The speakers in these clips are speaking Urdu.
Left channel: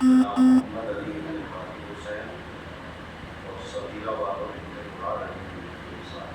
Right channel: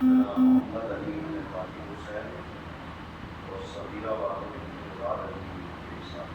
جناب محمد علی بن فاطم حسین اور صدیقہ والوں بن مراد علی بن صاحب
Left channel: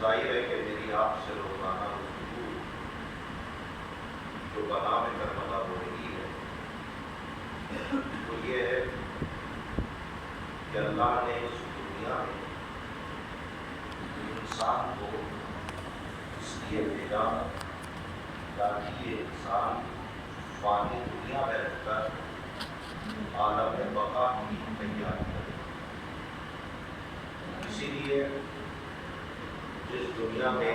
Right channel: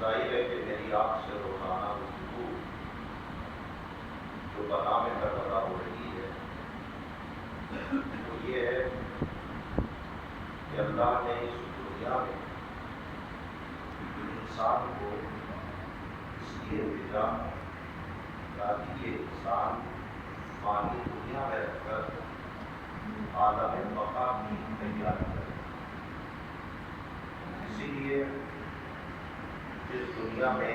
ظاہر ہے کہ میری آپ سے روزانہ گفتگو جو بنا میں کربلا ہو رہی ہے تو یہ ہے کہ اللہ نے اس دنیا میں انسان کو اس لیے بھیجا تاکہ یہ انسان فانی دنیا میں رہ کر عالم بقا کی تیاری کرے. اسی لیے جس دنیا میں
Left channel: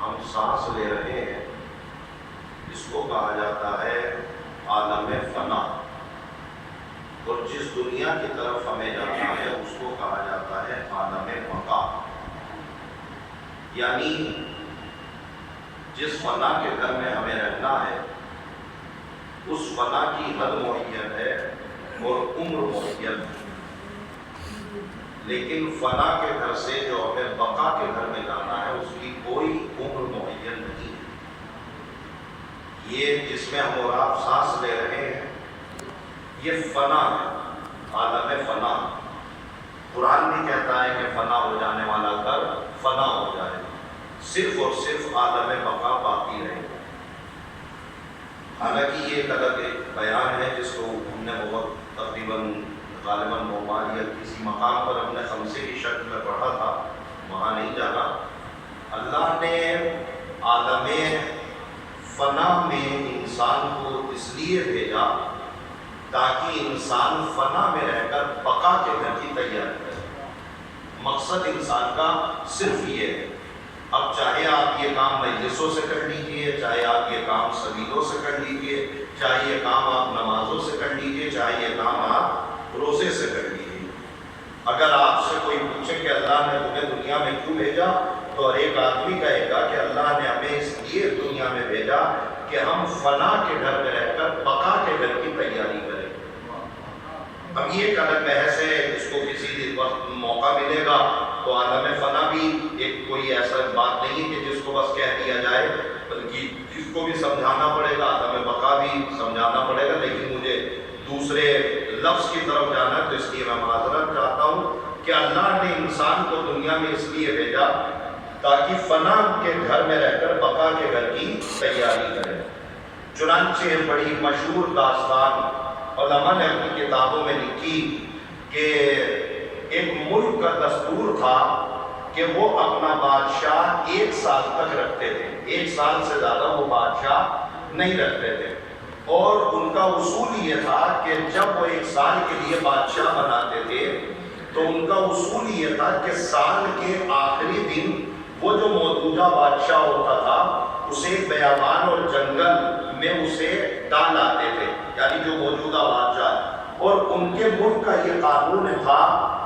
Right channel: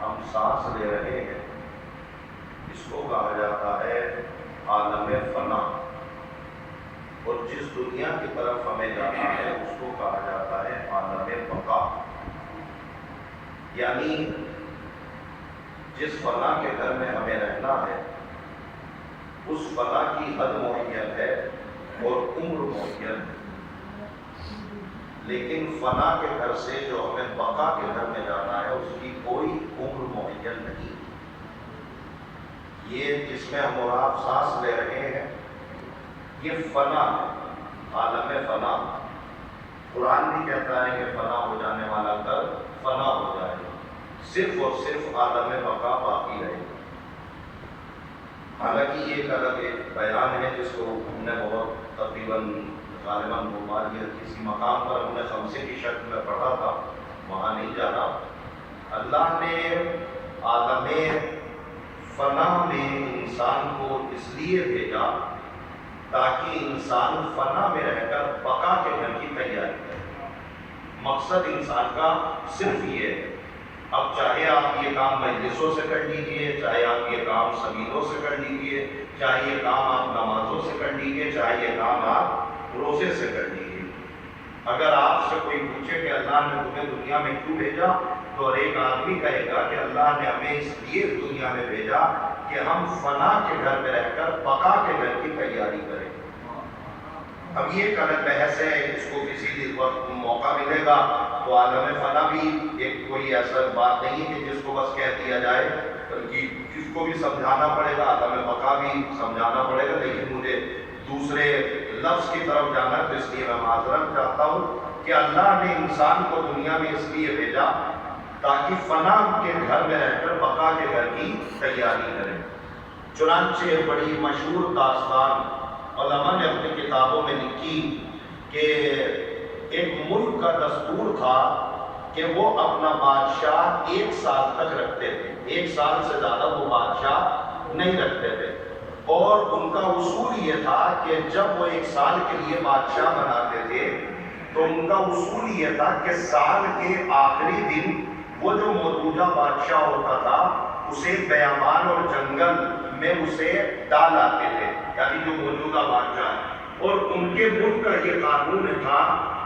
ہم سانس لے رہے ہیں اس کو کہا جاتا ہے عالم فنا. دنیا کی طرف ہمیں جانا ہے اس کو کہا جاتا ہے عالم بقا، یعنی جس فنا کے گھر میں ہمیں رہنا ہے اس فنا کی حد معین ہے اور عمر معین ہے، لیکن فنا کے گھر سے جو ہمیں بقا کے گھر میں جانا ہے اس کی کوئی عمر معین نہیں ہے۔ یہ جس میں ہم اور آپ سانس لے رہے ہیں یہ فنا ہے، عالم فنا۔ قرآن بھی کہتا ہے کہ فنا ہو جانے والا گھر فنا ہو جائے گا، صرف اور صرف عالم بقا باقی رہے گا۔ حالانکہ یہ ایک الگ ایک بیان ہے جس کو ہم نے بہت تقریباً غالباً موبائل یا کسی مقام پر ہم نے خمسے کی شکل میں پڑھا تھا، وہاں نہیں جانا۔ اللہ نے عالم فنا میں انسان کو اس لیے بھیجا تاکہ انسان فنا میں رہ کر بقا کے گھر کی تیاری کرے۔ مقصد انسان کا صرف یہ ہے۔ اب چاہے آپ یہ کام مجلسوں سے کر لیجئے، چاہے آپ یہ کام سبیلوں سے کر لیجئے، چاہے یہ کام آپ نمازوں سے کر لیجئے، چاہے یہ کام آپ روزے سے کر لیجئے، اگر آپ سے کوئی پوچھے کہ اللہ نے تمہیں دنیا میں کیوں بھیجا تو ہر ایک آدمی کہے گا کہ اللہ نے ہمیں اس لیے دنیا میں بھیجا کہ ہم فنا کے گھر میں رہ کر بقا کے گھر کی تیاری کریں۔ اب یہ ایک الگ بحث ہے، اس کو کسی وقت موقع ملے گا تو عالم فنا بھی ایک کوئی ایسا بات نہیں کہ جس کو بس کہہ دیا جائے، بلکہ جس کو بھی سمجھانا پڑے گا، عالم بقا بھی سمجھانا پڑے گا۔ لیکن مجھے دوسرے لفظ کی طرف جانا ہے تو اس لیے میں معذرت چاہتا ہوں کہ اللہ نے انسان کو دنیا میں اس لیے بھیجا تاکہ فنا کے گھر میں رہ کر بقا کے گھر کی تیاری کرے۔ چنانچہ بڑی مشہور داستان علماء نے اپنی کتابوں میں لکھی کہ ایک ملک کا دستور تھا کہ وہ اپنا بادشاہ 1 سال تک رکھتے تھے، 1 سال سے زیادہ وہ بادشاہ نہیں رکھتے تھے، اور ان کا اصول یہ تھا کہ جب وہ 1 سال کے لیے بادشاہ بناتے تھے تو ان کا اصول یہ تھا کہ سال کے آخری دن وہ جو موجودہ بادشاہ ہوتا تھا اسے بیابان اور جنگل میں اسے ڈال آتے تھے، یعنی جو موجودہ بادشاہ ہے، اور ان کے ملک کا یہ قانون تھا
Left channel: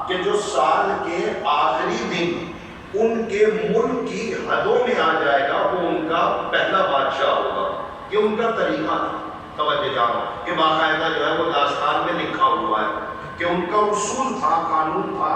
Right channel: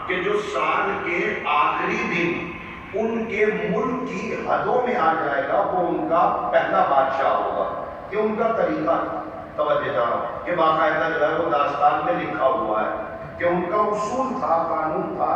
کہ جو سال کے آخری دن ان کے ملک کی حدوں میں آ جائے گا وہ ان کا پہلا بادشاہ ہوگا۔ یہ ان کا طریقہ تھا۔ توجہ جانا کہ باقاعدہ جو ہے وہ داستان میں لکھا ہوا ہے کہ ان کا اصول تھا، قانون تھا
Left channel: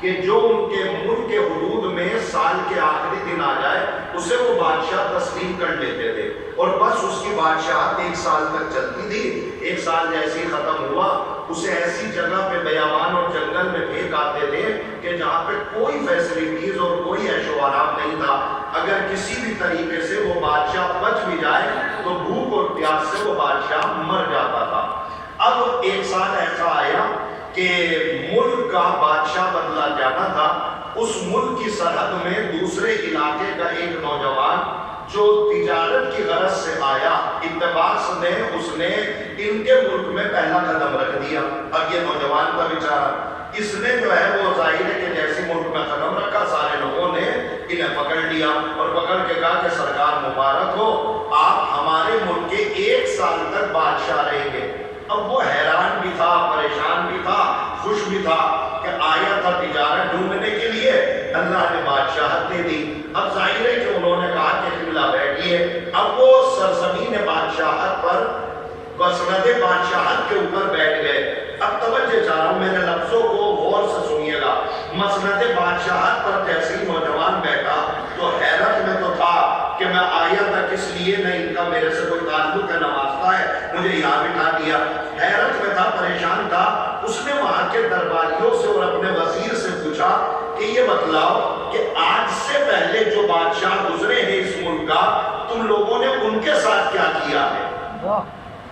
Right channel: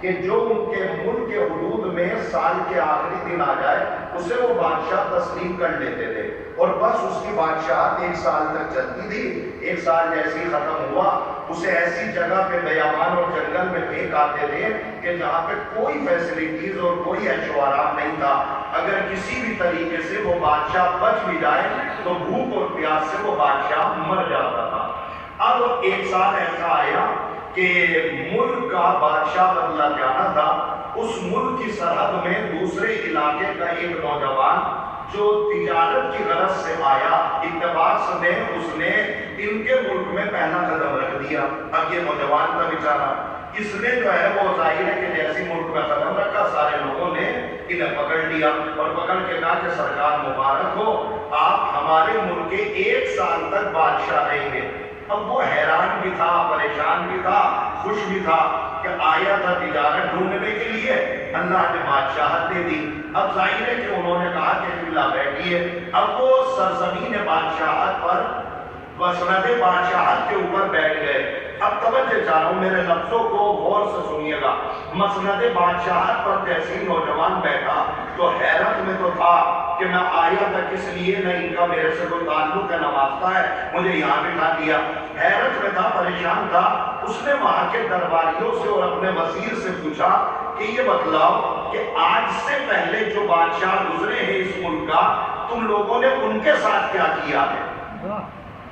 کہ جو ان کے ملک کے حدود میں سال کے آخری دن آ جائے اسے وہ بادشاہ تسلیم کر لیتے تھے، اور بس اس کی بادشاہت 1 سال تک چلتی تھی۔ 1 سال جیسے ہی ختم ہوا اسے ایسی جگہ پہ بیابان اور جنگل میں پھینک آتے تھے کہ جہاں پہ کوئی فیسلٹیز اور کوئی عیش و آرام نہیں تھا۔ اگر کسی بھی طریقے سے وہ بادشاہ بچ بھی جائے تو بھوک اور پیاس سے وہ بادشاہ مر جاتا تھا۔ اب 1 سال ایسا آیا کہ ملک کا بادشاہ بدلا جانا تھا۔ اس ملک کی سرحد میں دوسرے علاقے کا ایک نوجوان جو تجارت کی غرض سے آیا، اتباس میں اس نے ان کے ملک میں پہلا قدم رکھ دیا۔ اب یہ نوجوان تھا بیچارہ، اس نے جو ہے وہ ظاہر ہے کہ جیسی ملک میں قدم رکھا سارے لوگوں نے انہیں پکڑ لیا اور پکڑ کے کہا کہ سرکار مبارک ہو، آپ ہمارے ملک کے 1 سال تک بادشاہ رہیں گے۔ اب وہ حیران بھی تھا، پریشان بھی تھا، خوش بھی تھا کہ آیا تھا تجارت ڈھونڈنے کے لیے، اللہ نے بادشاہت دے دی۔ اب ظاہر ہے کہ انہوں نے کہا کہ قبلہ بیٹھیے۔ اب وہ سرزمین بادشاہت پر، مسند بادشاہت کے اوپر بیٹھ گئے۔ اب توجہ چاہ رہا ہوں، میرے لفظوں کو غور سے سنیے گا۔ مسند بادشاہت پر جیسے ہی نوجوان بیٹھا تو حیرت میں تو تھا کہ میں آیا تھا کس لیے، نہ ان کا میرے سے کوئی تعلق ہے نہ واسطہ ہے، مجھے یہاں بٹھا دیا۔ حیرت میں تھا، پریشان تھا۔ اس نے وہاں کے درباریوں سے اور اپنے وزیر سے پوچھا کہ یہ بتلاؤ کہ آج سے پہلے جو بادشاہ گزرے ہیں اس ملک کا، تم لوگوں نے ان کے ساتھ کیا کیا ہے؟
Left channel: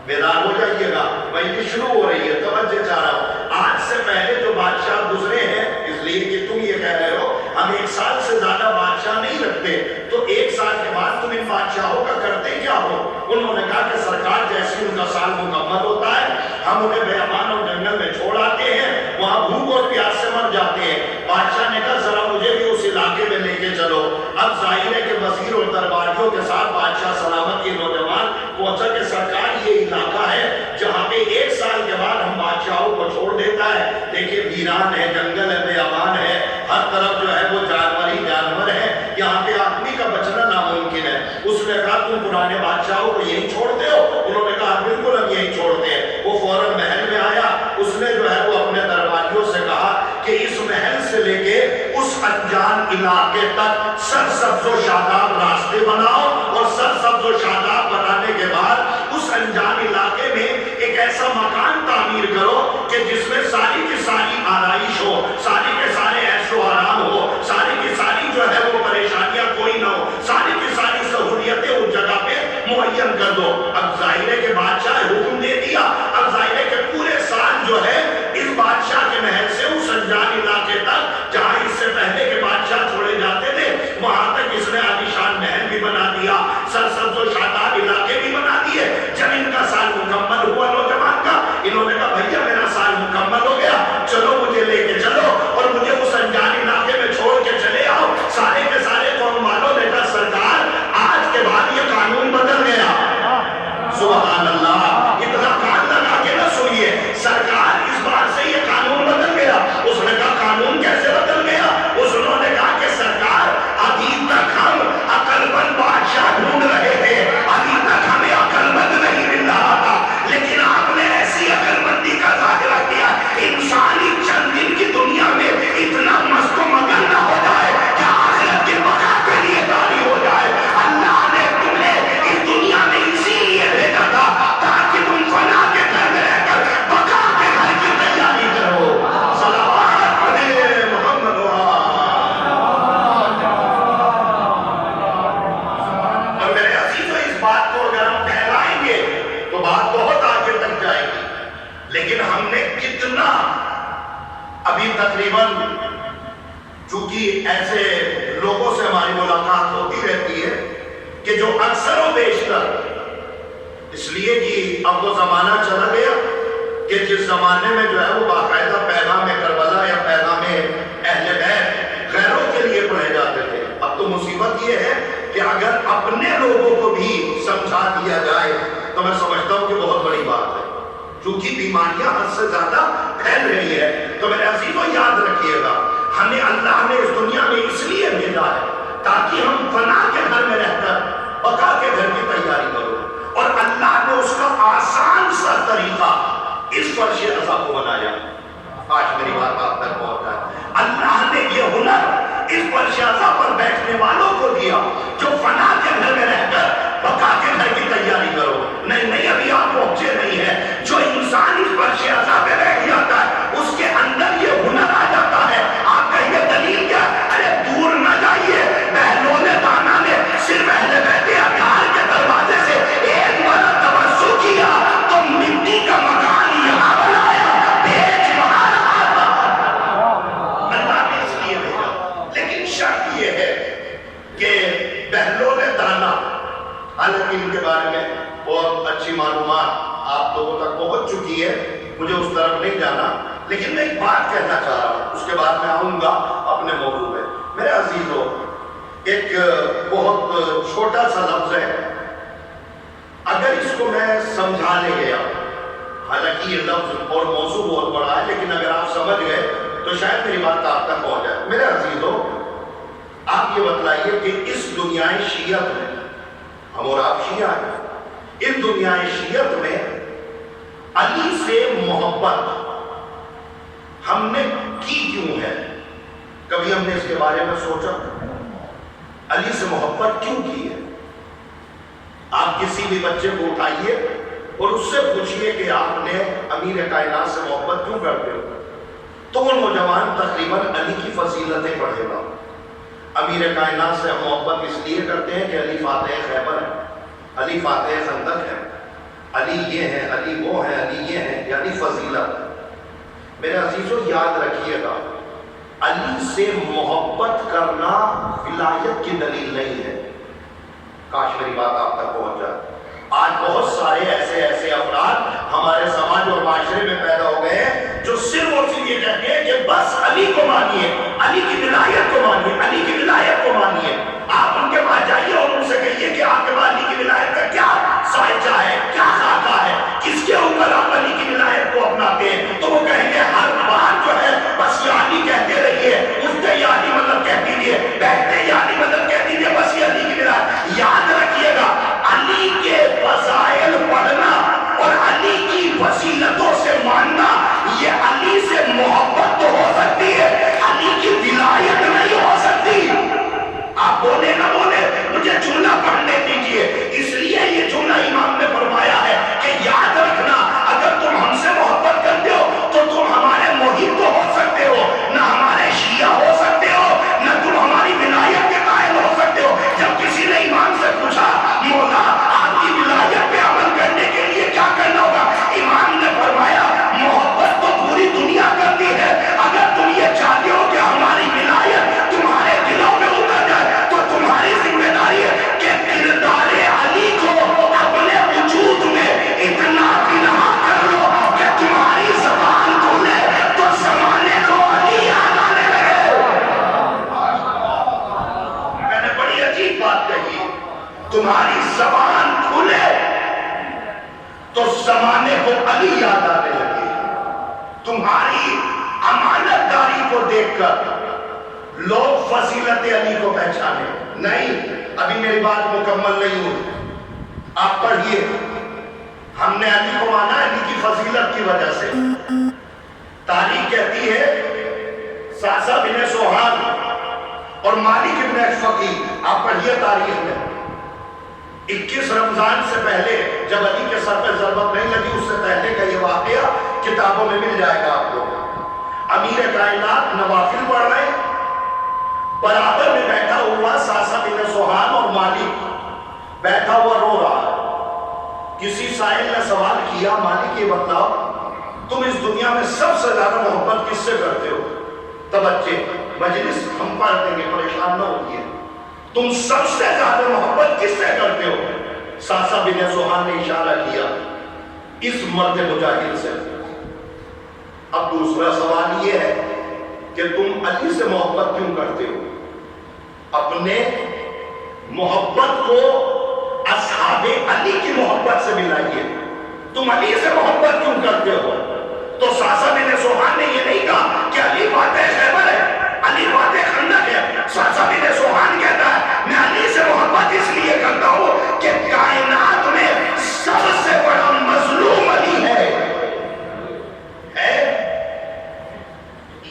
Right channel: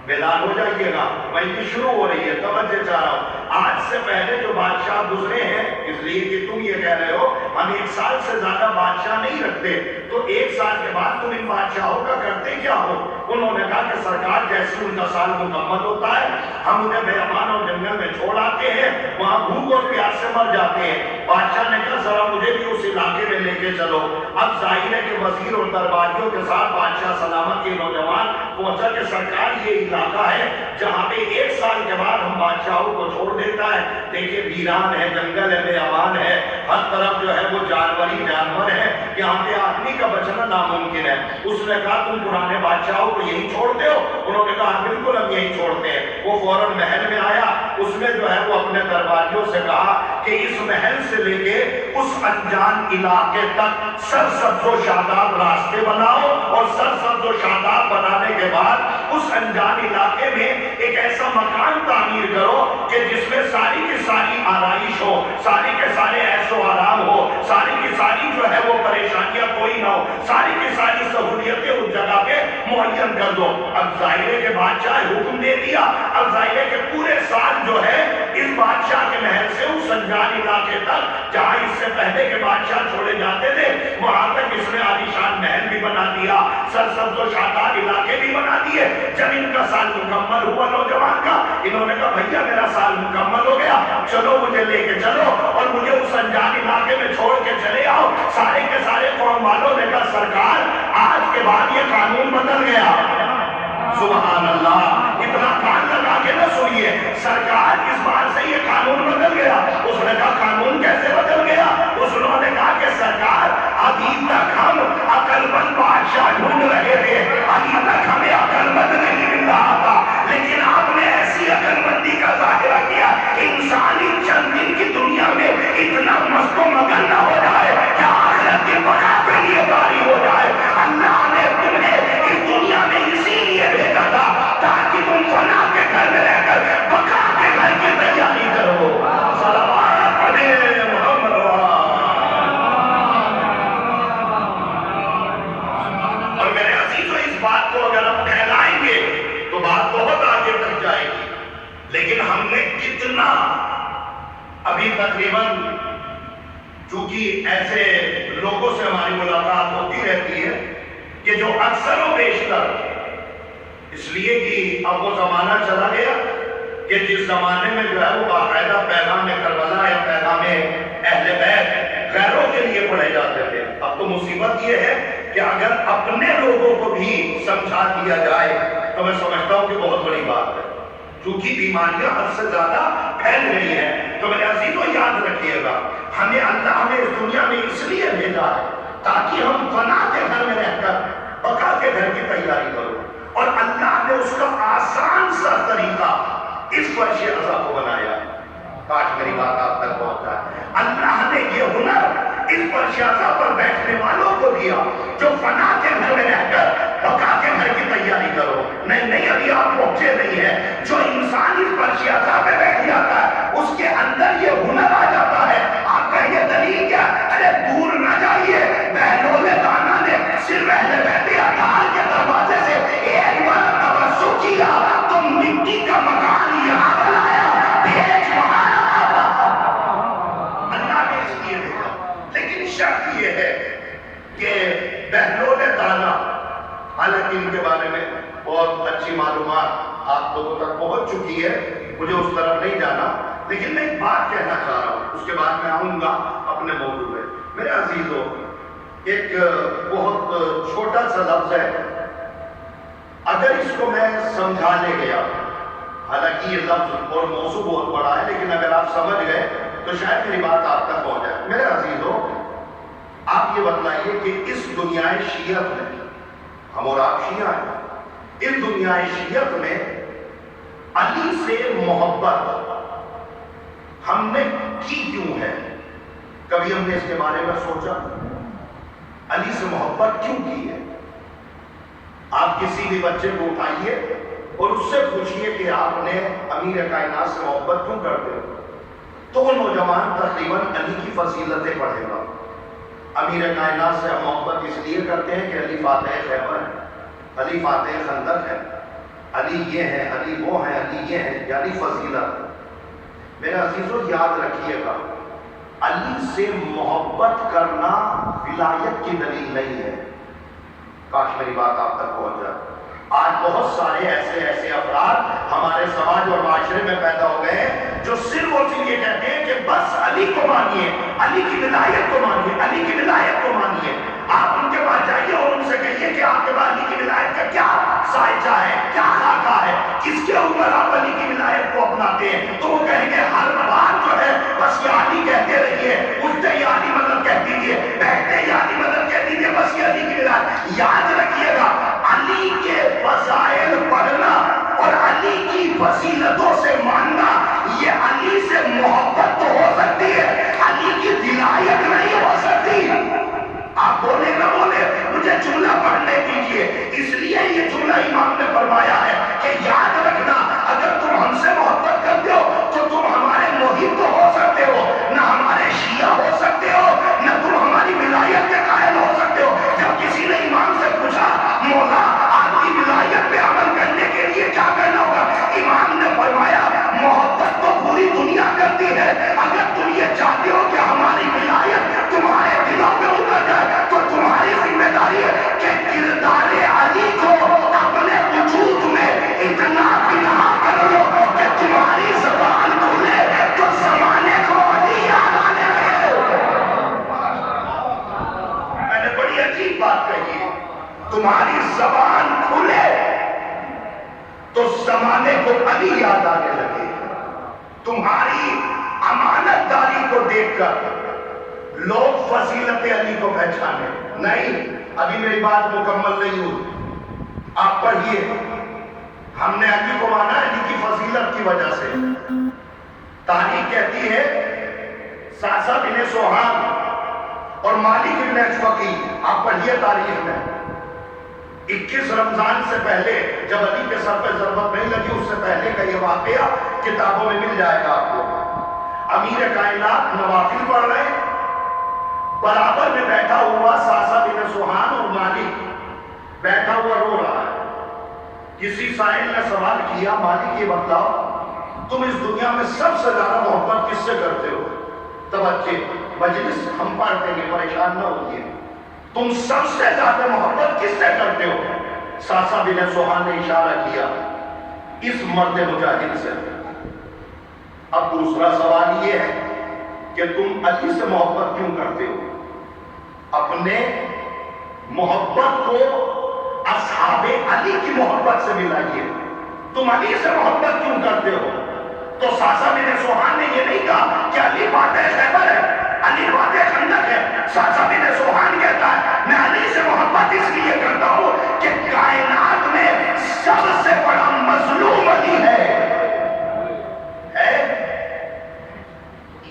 بیدار ہو جائیے گا، مجلس شروع ہو رہی ہے، توجہ چاہ رہا ہوں۔ آج سے پہلے جو بادشاہ گزرے ہیں، اس لیے کہ تم یہ کہہ رہے ہو ہم 1 سال سے زیادہ بادشاہ نہیں رکھتے، تو 1 سال کے بعد تم ان بادشاہوں کا کرتے کیا ہو؟ انہوں نے کہا کہ سرکار جیسے ان کا سال مکمل ہوتا ہے ہم انہیں بیابان اور جنگل میں چھوڑ آتے ہیں، وہاں بھوک اور پیاس سے مر جاتے ہیں۔ بادشاہ نے کہا ذرا مجھے بھی اس علاقے میں لے کے چلو۔ اب ظاہر ہے کہ وزیر اور درباریوں کے ساتھ بادشاہ سلامت یہ نوجوان پہنچا کہ سرکار یہ علاقہ ہے جہاں پہ 1 سال کے بعد ہم بادشاہوں کو چھوڑ دیتا ہے، ویران ہے، جنگل ہے، بے امان ہے، ہر طرف جو ہے وہ جانور ہی جانور ہے، یہاں پہ آدمی کا بچنا ناممکن ہے۔ اس نے کہا تم پرانے بادشاہوں کو یہی چھوڑتے ہو؟ انہوں نے کہا بالکل ہم یہی چھوڑتے ہیں۔ وہ فوراً محل میں آیا، اس نے جو ہے وہ اپنے درباریوں سے کہا کہ اس محل سے لے کے اس انجان علاقے تک سرسبز و شاداب راستے بناؤ، اور سرسبز و شاداب بنانے کے بعد اس انجان علاقے میں ایک ایسا مکان تعمیر کرو کہ جس میں ساری کی ساری آرائش ہو، ساری کے سارے عیش و آرام ہو، ساری کی ساری جو ہے وہ پریشانیاں کوئی نہ ہو، ساری کی ساری سہولیتیں اس جگہ پہ معین کر دو۔ اب ظاہر ہے کہ بادشاہ حکم دے دیا، اب ظاہر ہے کہ پورے سال جو ہے اس بادشاہ کے محل سے اس انجان علاقے تک جہاں اس سے پہلے کے بادشاہ چھوڑے جاتے تھے وہاں تک اس نے عالیشان محل بھی بنا دیا، سرسبز و شاداب علاقے بھی بنا دیے۔ جب ان کا سال مکمل ہوا نوجوان کا، انہوں نے کہا بھیا میرا سال مکمل ہو گیا، چلو مجھے لے کے چلو اور مجھے اس انجان علاقے میں چھوڑ کے چلے آؤ۔ سارے کے سارے قوم والوں نے کہا سرکار آج کے بعد یہ قانون بدل گیا۔ سبحان اللہ، اتنا کان لگا کے نہ سنیے، سرکار اس بار سے یہ قانون بدل گیا۔ اس نے کہا قانون کیسے بدل گیا؟ انہوں نے کہا کہ سرکار ابھی تک ہم عقل مند بادشاہ ڈھونڈ رہے تھے، ابھی تک ہمیں عقل مند نہیں مل رہا تھا، لیکن آپ نے ایسی عقل مندی کا ظاہرہ کیا انسانی چند دن کی دنیا میں اتنا مست و مگن نہ ہو جائے کہ آخرت کے بقا کے لیے طاری ہو جائے۔ اللہ نے تمہیں اس دنیا میں اسی لیے بھیجا تھا تاکہ تم فنا کے گھر میں رہ کر بقا کے گھر کی تیاری کرو۔ صلوات علی محمد اور میرے عزیزوں اس بات کو اگر ہم پھیلائیں گے تو بات بہت آگے تک جائے گی، لیکن ہم نے کتنا ابھی تقریباً، چونکہ ایسے لوگوں سے ہماری ملاقات ہوتی رہتی ہے کہ جو اکثر و بیشتر اس لیے کہ اب وہ زمانہ چلا گیا کہ جس زمانے میں جو ہے وہ باقاعدہ پیغام کربلا یا پیغام اہل بیت غیروں کے لیے پڑھے جاتے تھے، اب تو مصیبت یہ ہے کہ اگر اپنے لوگوں کو بھی سمجھا دیا جائے تو میں سمجھتا ہوں کہ بہت بڑی بات ہے، چونکہ بیماریاں حد سے زیادہ پھیل رہی ہے۔ تو میرے عزیزوں یاد رکھیے گا، ہمیں اللہ نے اس دنیا میں اس لیے بھیجا ہے تاکہ ہم فنا کے گھر میں رہ کر بقا کے گھر کی تیاری کرو، اور اللہ نے اس کا آسان سا طریقہ اس فرش عزا کو بنایا۔ کاش میری بات آپ تک پہنچ جائے۔ اللہ نے یہ ہنر اس فرش عزا پر بیٹھنے والوں کو دیا جو فنا کے گھر میں رہ کر بقا کے گھر کی تیاری کرو۔ نہیں ابھی آپ پہنچے نہیں ہیں۔ جو انسان اس فرش عزا پہ بیٹھ جاتا ہے اس کے اندر یہ ہنر آ جاتا ہے۔ آپ کہیں گے دلیل کیا؟ ارے دور نہ جائیے، بہلول دانا نے صرف اہل بیت اطہار کے دروازے سے ایک بار توسع کیا تو مٹی کا مکان یہاں بنایا، بیچ وہاں رہا تھا۔ اللہ نے اس لیے بھیجا، لیکن شرط یہ ہے کہ بہلول دانا، حالانکہ ان کے بارے میں بہت اچھی معلومات آپ لوگوں تک پہنچ چکی ہے، مجھے اس طرف نہیں جانا، لیکن میں ایک بات کہنا چاہ رہا ہوں، اس کے بعد میں آؤں گا اپنے موضوع پہ۔ میرے عزیزوں، ایک بہت چھوٹا سا لفظ ہے، اگر اس کو میں سمجھا لے گیا، حالانکہ یہ لفظ اور موضوع بہت بڑا ہے، لیکن اگر آپ سمجھ گئے تو شاید میری بات آپ تک پہنچ جائے۔ میرے عزیزوں، آپ یہ بتلائیے کہ اس دنیا شیعت میں، ہم اور آپ شیعہ ہیں، اس دنیا شیعت میں علی سے محبت ہم نے کی کیوں ہے؟ کبھی ہم نے اس کے بارے میں سوچا؟ علی سے محبت کیوں کی ہے؟ آپ کسی بھی بچے کو اٹھائیے اور اس سے پوچھئے کہ آپ نے امیر کائنات سے محبت کیوں کرتے ہو، تو وہ نوجوان تقریباً علی کی فضیلتیں پڑھے گا۔ امیر کائنات سے محبت اس لیے کرتے ہیں کہ علی فاتح خیبر ہے، علی فاتح خندق ہے، علی یہ ہے، علی وہ ہے، علی یہ ہے، یعنی فضیلت۔ میرے عزیزوں یاد رکھیے گا، علی سے محبت کرنا ولایت کی دلیل نہیں ہے۔ کاش میری بات آپ تک پہنچ جائے۔ آج بہت سارے ایسے افراد ہمارے سماج اور معاشرے میں پیدا ہو گئے ہیں جو صرف اور صرف یہ کہتے ہیں کہ بس علی کو مانیے، علی کی ولایت کو مانیے، علی کی ولایت کو مانیے۔ آپ ان کے پاس جائیے اور ان سے کہیے کہ آپ کے پاس علی کی ولایت کا کیا سائچہ ہے، کیا خاکہ ہے، کس کے اوپر آپ علی کی ولایت کو اپناتے ہیں، تو وہ کہیں گے ہر بات جو ہے فضیلتوں سے ماننا، یہ علی سے محبت تو ہو سکتی ہے، علی کی ولایت نہیں ہو سکتی۔ آپ بولے نہ بولے، مجھے جملہ پڑھنے دیجئے۔ اس لیے یہ جملہ امام نے فرمایا ہے کہ یاد رکھنا، اگر تم ہم سے محبت کرتے ہو تو تم ہمارے محب تو ہو سکتے ہو، نہ ہمارے شیعہ ہو سکتے ہو، نہ تم ہماری ولایت کے قائل ہو سکتے ہو۔ جب کسی نے امام سے پوچھا مولا آپ کی ولایت پہ عمل کرنے کے لیے کیا کرنا ہوگا، امام نے فرمایا محبت تو پوری دنیا کرتی ہے، اگر تم یہ چاہتے ہو کہ ہماری ولایت تمہارے دلوں میں اتر جائے تو تمہاری ذمہ داری ہے کہ کردار علی کو اپنے وجود میں اتنا بنا کر لو کہ تمہاری زبان کھلے تو زمانے کو علی یاد آنے لگے۔ میں نے بڑی عجیب بات کہی، تمہاری زبان کھلے تو زمانے کو علی یاد آنے لگے۔ تمہاری امانت داری کو دیکھ کر لوگ فضیلت علی کو پہچانے۔ نہیں، ابھی میری بات مکمل نہیں ہوئی، آپ پڑھیے۔ ہم نے علی کو مانا علی کی فضیلت کی وجہ سے۔ تاریخ کہتی ہے ساسا بن سوہان اور مالک بن اشفقی، آپ پڑھیے تاریخ میں، 21 رمضان سے پہلے جب علی کے سر پہ ضربت نہیں لگی، اس سے پہلے کا یہ واقعہ کتابوں میں مل جائے گا آپ کو۔ امیر کائنات نوافل پڑھ رہے ہیں، برابر میں بیٹھا ہوا ساسا بن سوہان اور مالک بیٹھا ہوا رو رہا ہے۔ کسی سائل نے سوال کیا، مالک یہ بتاؤ تم اس دنیا میں سب سے زیادہ محبت کس سے کرتے ہو؟ توجہ، مجلس ہم پڑھ دیں گے، پریشان نہ ہوئیے۔ تم سب سے زیادہ محبت کس سے کرتے ہو؟ ساسا بن سوہان نے اشارہ کیا اس مرد مجاہد سے۔ اب دوسرا سوال یہ ہے کہ تم علی سے محبت کیوں کرتے ہو؟ اپنے محبت کو اصحاب علی کی محبت سے ملائیے۔ تم علی سے محبت کیوں کرتے ہو؟ تو ساسا بن سوہان نے یہ نہیں کہا کہ علی فاتح خیبر ہے، علی فاتح خندق ہے۔ ساسا بن سوہان کہتا ہے میں علی سے محبت اس لیے کرتا ہوں کہ کائنات میں سب سے بڑا مظلوم علی ہے۔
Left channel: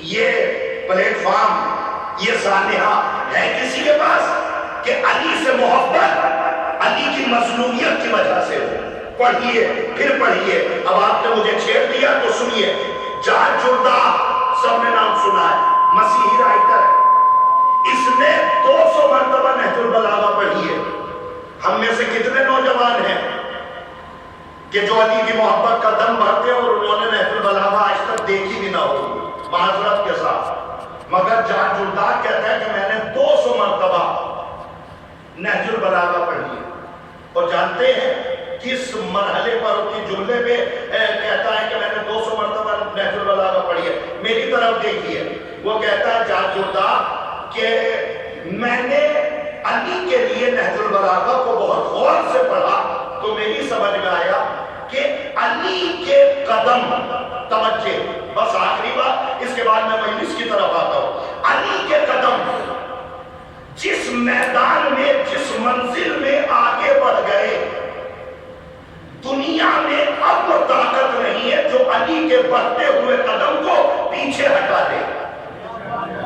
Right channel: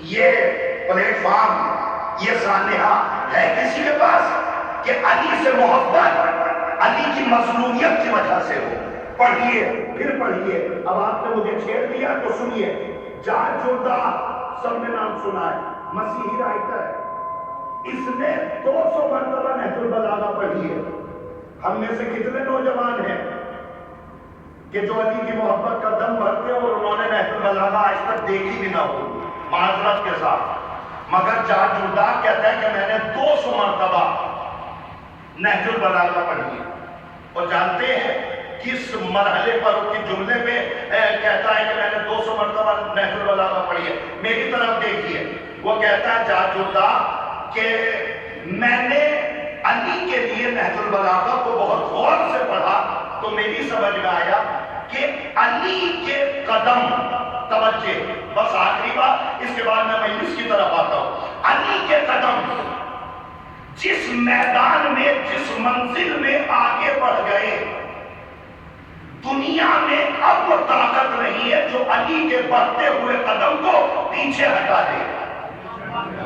یہ پلیٹ فارم، یہ سانحہ ہے کسی کے پاس کہ علی سے محبت علی کی مظلومیت کی وجہ سے ہو؟ پڑھیے، پھر پڑھیے۔ اب آپ نے مجھے چھیڑ دیا تو سنیے۔ جارج جردہ، سب نے نام سنا ہے، مسیحی رائٹر ہے، اس نے 200 مرتبہ نہج البلاغہ پڑھی ہے۔ ہم میں سے کتنے نوجوان ہیں کہ جو علی کی محبت کا دم بھرتے ہیں اور انہوں نے نہج البلاغہ آج تک دیکھی بھی نہ ہو، معذرت کے ساتھ؟ مگر جارج جردہ کہتا ہے کہ میں نے 200 مرتبہ نہج البلاغہ پڑھی ہے۔ اور جانتے ہیں کس مرحلے پر اس کی جملے پہ کہتا ہے کہ میں نے 200 مرتبہ نہج البلاغہ پڑھی ہے؟ میری طرف دیکھیے، وہ کہتا ہے جارج جردہ کہ میں نے علی کے لیے نہج البلاغہ کو بہت غور سے پڑھا تو میری سمجھ میں آیا کہ علی کے قدم، توجہ بس آخری بات، اس کے بعد میں مجلس کی طرف آتا ہوں، علی کے قدم جس میدان میں، جس منزل میں آگے بڑھ گئے، دنیا میں اب طاقت نہیں ہے جو علی کے بڑھتے ہوئے قدم کو پیچھے ہٹا دے۔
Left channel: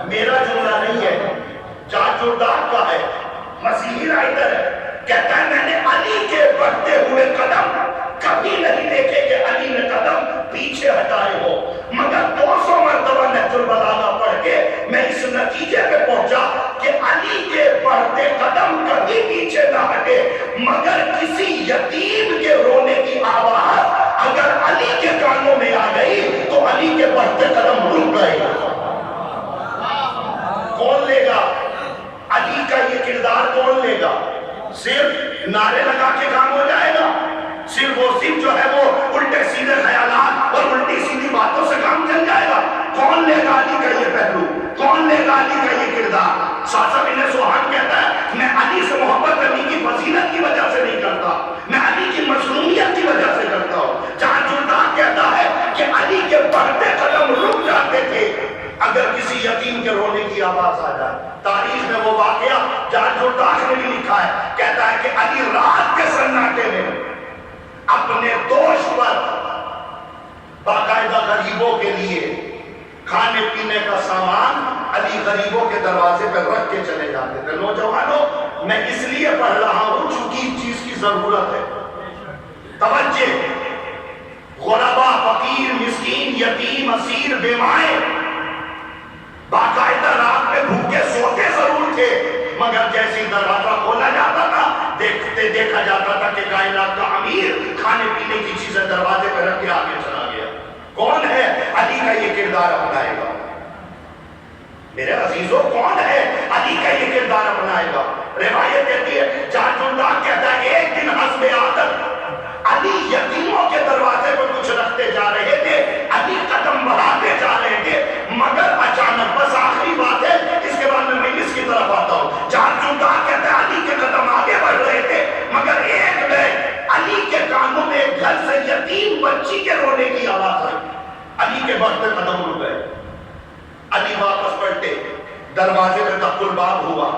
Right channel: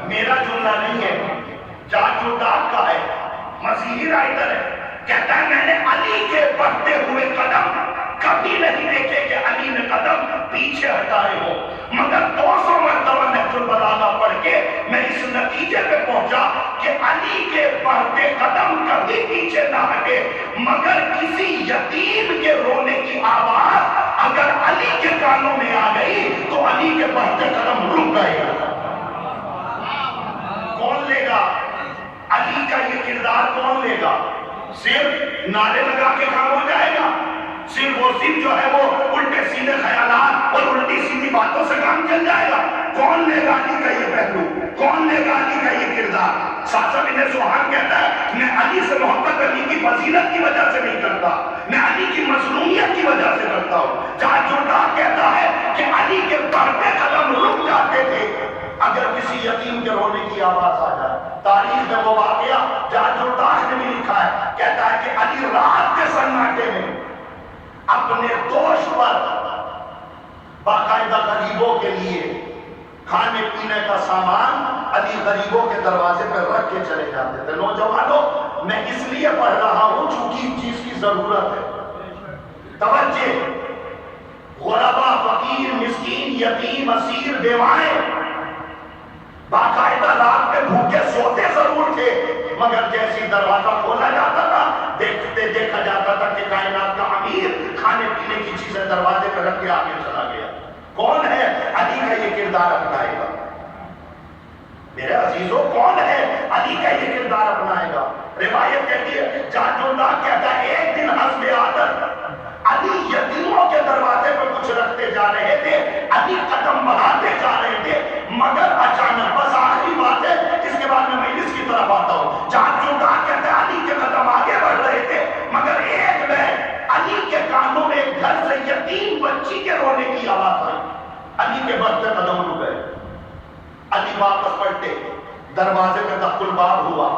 میرا جملہ نہیں ہے، جارج جردہ کا ہے، مسیحی رائٹر ہے، کہتا ہے میں نے علی کے بڑھتے ہوئے قدم کبھی نہیں دیکھے کہ علی نے قدم پیچھے ہٹائے ہو، مگر 200 مرتبہ نہج البلاغہ پڑھ کے میں اس نتیجے پہ پہنچا کہ علی کے بڑھتے قدم کبھی پیچھے نہ ہٹے، مگر کسی یتیم کے رونے کی آواز اگر علی کے کانوں میں آ گئی تو علی کے بڑھتے قدم رک گئے۔ کون لے گا علی کا یہ کردار؟ کون لے گا؟ صرف نعرے لگا کے کام ہو جائے گا؟ صرف وہ جو ہے وہ الٹے سیدھے خیالات اور الٹی سیدھی باتوں سے کام چل جائے گا؟ کون لے گا علی کا یہ پہلو؟ کون لے گا علی کا یہ کردار؟ ساسا بن سوہان کہتا ہے میں علی سے محبت علی کی فضیلت کی وجہ سے نہیں کرتا، میں علی کی مظلومیت کی وجہ سے کرتا ہوں۔ جارج جردہ کہتا ہے کہ علی کے بڑھتے قدم رک جاتے تھے اگر کسی یتیم کے رونے کی آواز آ جائے۔ تاریخ میں وہ واقعہ جارج جردہ نے بھی لکھا ہے، کہتا ہے کہ علی رات کے سناٹے میں اپنے دوش پر باقاعدہ غریبوں کے لیے کھانے پینے کا سامان علی غریبوں کے دروازے پہ رکھ کے چلے جاتے تھے. نوجوانوں میں اس لیے پڑھ رہا ہوں چونکہ اس چیز کی ضرورت ہے. توجہ، غربا، فقیر، مسکین، یتیم، اسیر، بیوائیں باقاعدہ رات میں بھوکے سوتے ضرور تھے، مگر جیسی دروازہ کھولا جاتا تھا دیکھا جاتا تھا کہ کائنات کا امیر کھانے پینے کی چیزیں دروازے پہ رکھ کے آگے چلا گیا. کون ہے علی کا یہ کردار اپنائے گا؟ میرے عزیزوں، کون ہے علی کا یہ کردار اپنائے گا؟ روایت کہتی ہے، جاندار کہتا ہے ایک دن حسب عادت علی یتیموں کے دروازے پر کچھ رکھتے جا رہے تھے، علی قدم بڑھاتے جا رہے تھے، مگر اچانک، بس آخری بات ہے اس کے بعد میں مجلس کی طرف آتا ہوں، جاندار کہتا ہے علی کے قدم آگے بڑھ رہے تھے، مگر ایک میں علی کے کانوں میں ایک گھر سے یتیم بچی کے رونے کی آواز آئی. علی کے بڑھتے قدم رک گئے. علی واپس پلٹے، دروازے پہ دق الباب ہوا،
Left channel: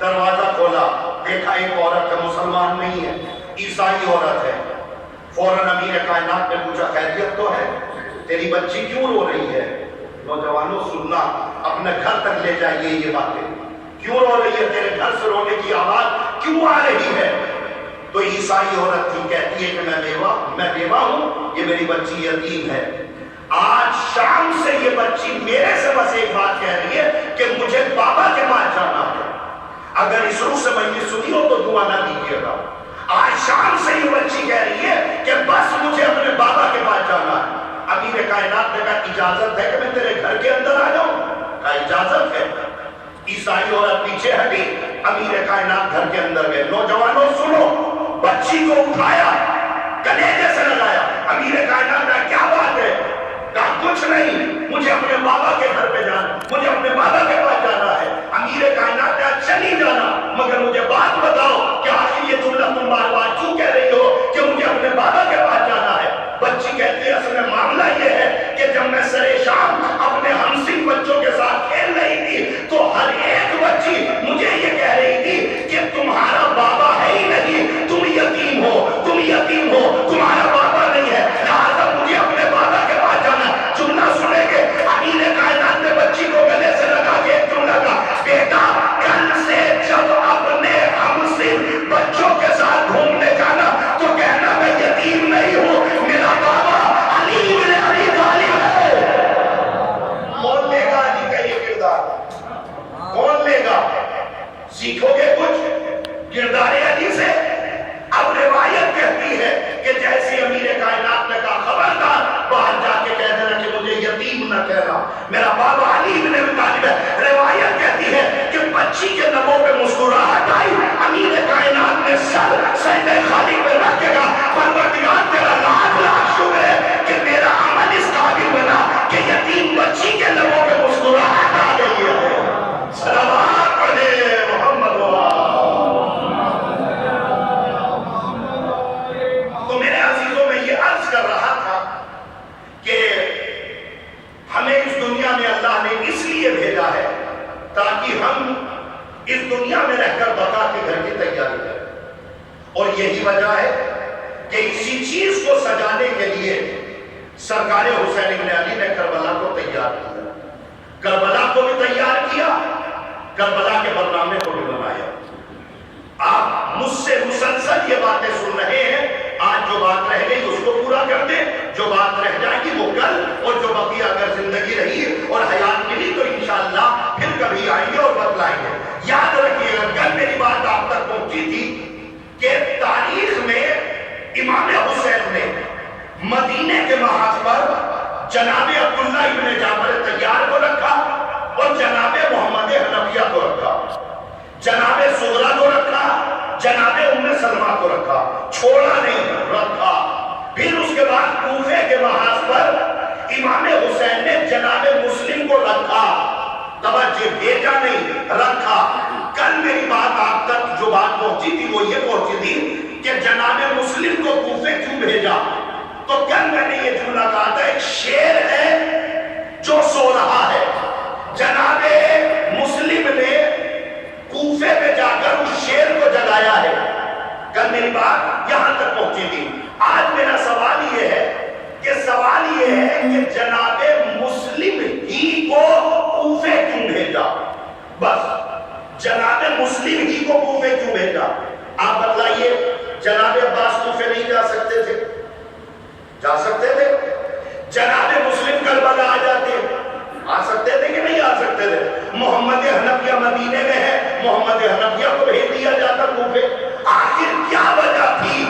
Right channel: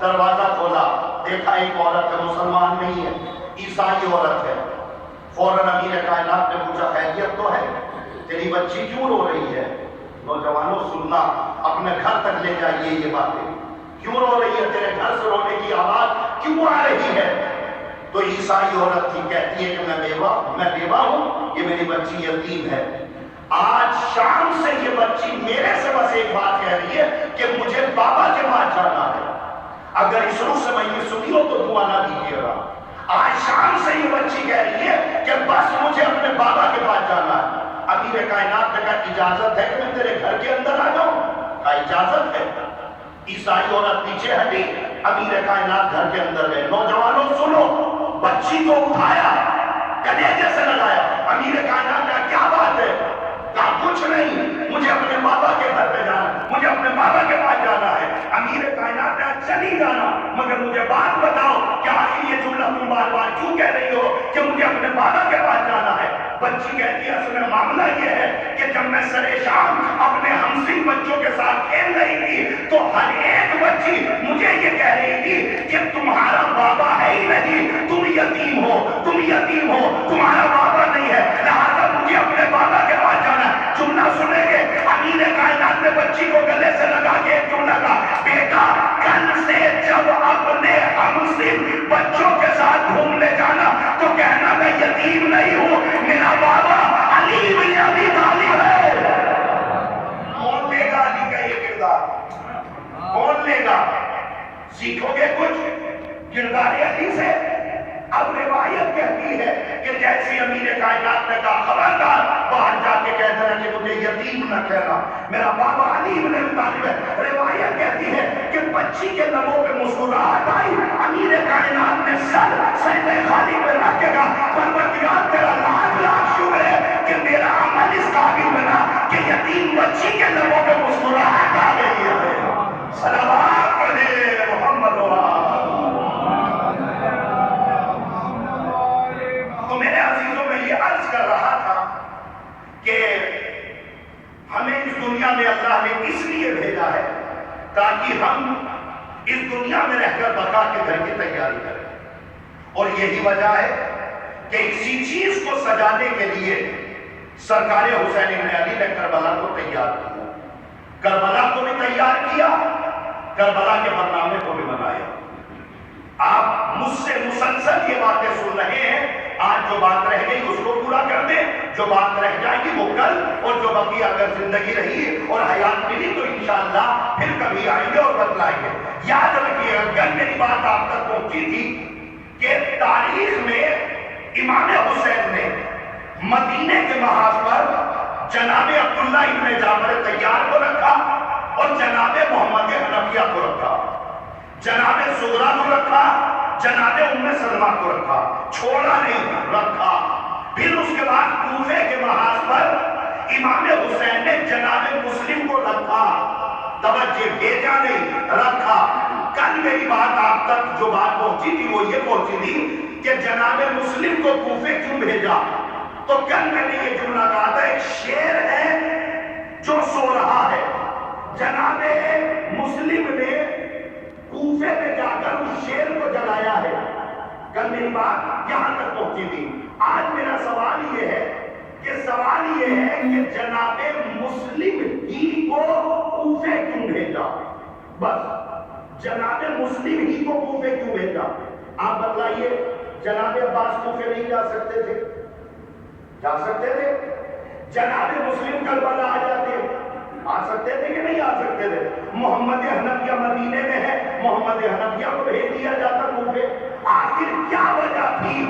دروازہ کھولا، دیکھا ایک عورت ہے، مسلمان نہیں ہے، عیسائی عورت ہے. فوراً امیر کائنات نے پوچھا خیریت تو ہے؟ تیری بچی کیوں رو رہی ہے؟ نوجوانوں سننا، اپنے گھر تک لے جائیے یہ باتیں. کیوں رو رہی ہے؟ تیرے گھر سے رونے کی آواز کیوں آ رہی ہے؟ تو عیسائی عورت تھی، کہتی ہے کہ میں بیوہ ہوں، یہ میری بچی یتیم ہے. آج شام سے یہ بچی میرے سے بس ایک بات کہہ رہی ہے کہ مجھے بابا کے پاس جانا ہے. اگر اس روح سے میں نے سنی ہو تو دعا نہ دیجیے گا. آج شام سے یہ بچی کہہ رہی ہے کہ بس مجھے اپنے بابا کے پاس جانا ہے. امیر کائنات نے کہا اجازت ہے کہ میں تیرے گھر کے اندر آ جاؤں؟ کہا اجازت ہے. عیسائی عورت پیچھے ہٹی، امیر کائنات گھر کے اندر گئے. نوجوانوں سنو، بچی کو اٹھایا، کلیجے سے لگایا. امیر کائنات کا کیا بات ہے؟ کہا کچھ نہیں، مجھے اپنے بابا کے گھر پہ جانا، مجھے اپنے بابا کے پاس جانا ہے. امیر کائنات نے چلی جانا، مگر مجھے بات بتاؤ کہ آخر یہ جملہ تم بار بار کیوں کہہ رہی ہو کہ مجھے اپنے بابا کے پاس جانا ہے؟ بچی کہتی ہے اصل میں معاملہ یہ ہے کہ جب میں سرے شام اپنے ہمسن بچوں کے ساتھ کھیل رہی تھی تو ہر ایک بچی مجھے یہ کہہ رہی تھی کہ تمہارا بابا ہے ہی نہیں، تم یتیم ہو، تم یتیم ہو، تمہارا بابا نہیں ہے، لہٰذا مجھے اپنے بابا کے پاس جانا. جملہ سنیں گے، امیر کائنات نے بچی کو گلے سے لگا کے ایک جملہ کہا، بیٹا کل سے جب اپنے ہمسن بچوں کے ساتھ گھومنے جانا تو کہنا میں یتیم نہیں ہوں، میرا بابا علی بن ابی طالب ہے. کون لے گا علی کا یہ کردار؟ کون لے گا؟ سیکھو گے کچھ کردار علی سے؟ اب روایت کہتی ہے کہ جیسی امیر کائنات نے کہا خبردار باہر جا کے کہہ دینا کہ مجھے یتیم نہ کہنا، میرا بابا علی بن ابی طالب ہے. روایت کہتی ہے کہ بچی کے لبوں پہ مسکراہٹ آئی، امیر کائنات نے سر سجدہ خالق میں رکھ کے کہا پروردگار تیرا لاکھ لاکھ شکر ہے کہ میرا عمل اس قابل بنا کہ یتیم بچی کے لبوں پہ مسکراہٹ آ گئی ہے. صلوات علیہ محمد. کر رہا تھا کہ ہمیں اس دنیا میں اللہ نے اس لیے بھیجا ہے تاکہ ہم اس دنیا میں رہ کر بقا کے گھر کی تیاری کریں. اور یہی وجہ ہے کہ اسی چیز کو سجانے کے لیے سرکار حسین بن علی نے کربلا کو تیار کیا، کربلا کو بھی تیار کیا، کربلا کے برنامے کو بھی بنایا. آپ مجھ سے مسلسل یہ باتیں سن رہے ہیں. آج جو بات رہ گئی اس کو پورا کر دیں، جو بات رہ جائے گی وہ کل، اور جو بقیہ اگر زندگی رہی اور حیات ملی تو انشاءاللہ پھر کبھی آئیں گے اور بتلائیں گے. یاد رکھیے گا کل میری بات آپ تک پہنچی تھی کہ تاریخ میں امام حسین نے مدینے کے محاذ پر جناب عبداللہ ابن جعفر طیار کو رکھا اور جناب محمد حنفیہ کو رکھا، جناب صغرا کو رکھا، جناب ام سلمہ کو رکھا، چھوڑا نہیں، رکھا. پھر اس کے بعد کوفے کے محاذ پر امام حسین نے جناب مسلم کو رکھا. توجہ، بھیجا نہیں، رکھا. کل میری بات آپ تک جو بات پہنچی تھی وہ یہ پہنچی تھی کہ جناب مسلم کو کوفے کیوں بھیجا. تو کل میں نے یہ جملہ کہا تھا ایک شیر ہے جو سو رہا ہے، جناب مسلم نے کوفے پہ جا کر اس شیر کو جگایا ہے. کل میری بات یہاں تک پہنچی تھی. آج میرا سوال یہ ہے کہ جناب مسلم ہی کو کوفے کیوں بھیجا؟ بس جناب مسلم ہی کو کوفے کیوں بھیجا؟ آپ بتلائیے، جناب عباس کوفے نہیں جا سکتے تھے؟ جا سکتے تھے؟ جناب مسلم کربلا آ جاتے، آ سکتے تھے کہ نہیں آ سکتے تھے؟ محمد حنفیہ مدینے میں ہے، محمد حنفیہ کو بھیج دیا جاتا کوفے۔ آخر کیا وجہ تھی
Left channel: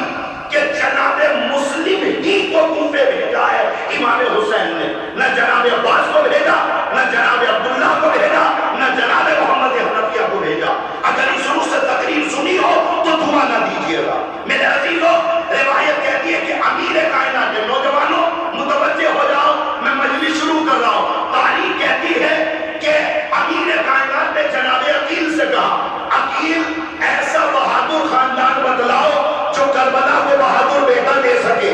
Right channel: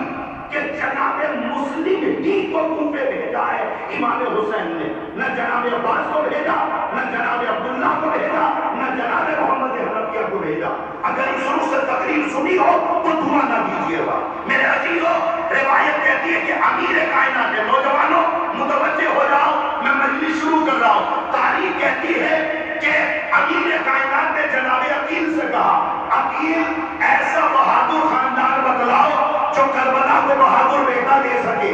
کہ جناب مسلم ہی کو کوفے بھیجا ہے امام حسین نے؟ نہ جناب عباس کو بھیجا، نہ جناب عبداللہ کو بھیجا، نہ جناب محمد حنفیہ کو بھیجا۔ اگر اس روح سے تقریر سنی ہو تو دھواں نہ دیجیے گا میرے عزیزوں۔ روایت کہتی ہے کہ امیر کائنات، نوجوانوں متوجہ ہو جاؤ، میں مجلس شروع کر رہا ہوں۔ تاریخ کہتی ہے کہ امیر کائنات نے جناب عقیل سے کہا، عقیل ایسا بہادر خاندان بتلاؤ جو کربلا کو بہادر بیٹا دے سکے۔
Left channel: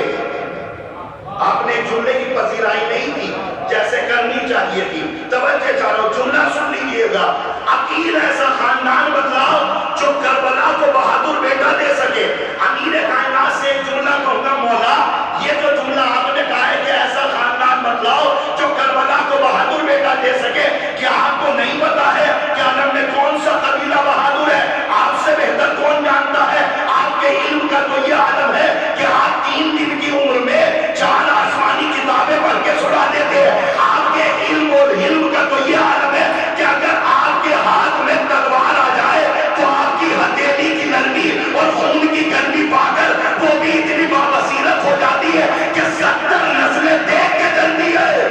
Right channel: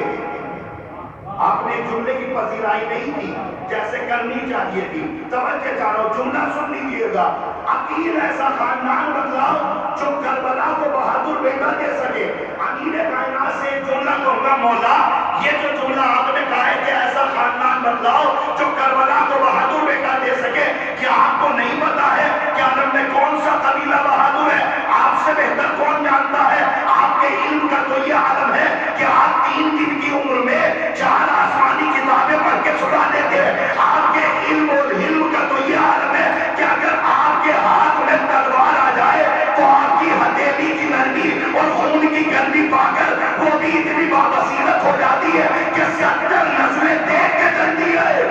آپ نے جملے کی پذیرائی نہیں کی جیسے کرنی چاہیے تھی۔ توجہ چاہو، جملہ سن لیجیے گا، عقیل ایسا خاندان بتلاؤ جو کربلا کو بہادر بیٹا دے سکے۔ امیر کائنات سے ایک جملہ کہوں گا، مولا یہ جو جملہ آپ نے کہا ہے کہ ایسا خاندان بتلاؤ جو کربلا کو بہادر بیٹا دے سکے، کیا آپ کو نہیں پتا ہے کہ عالم میں کون سا قبیلہ بہادر ہے؟ آپ سے بہتر کون جانتا ہے؟ آپ کے علم کا تو یہ عالم ہے کہ آپ 3 دن کی عمر میں 4 آسمانی کتابیں پڑھ کے سنا دیتے ہیں۔ آپ کے علم اور علم کا تو یہ عالم ہے کہ اگر آپ کے ہاتھ میں تلوار آ جائے تو آپ کی ہتھیلی کی نرمی اور خون کی گرمی پا کر وہ بھی اتنی بابصیرت ہو جاتی ہے کہ 70 نسلیں دیکھ کے جلدی آئے۔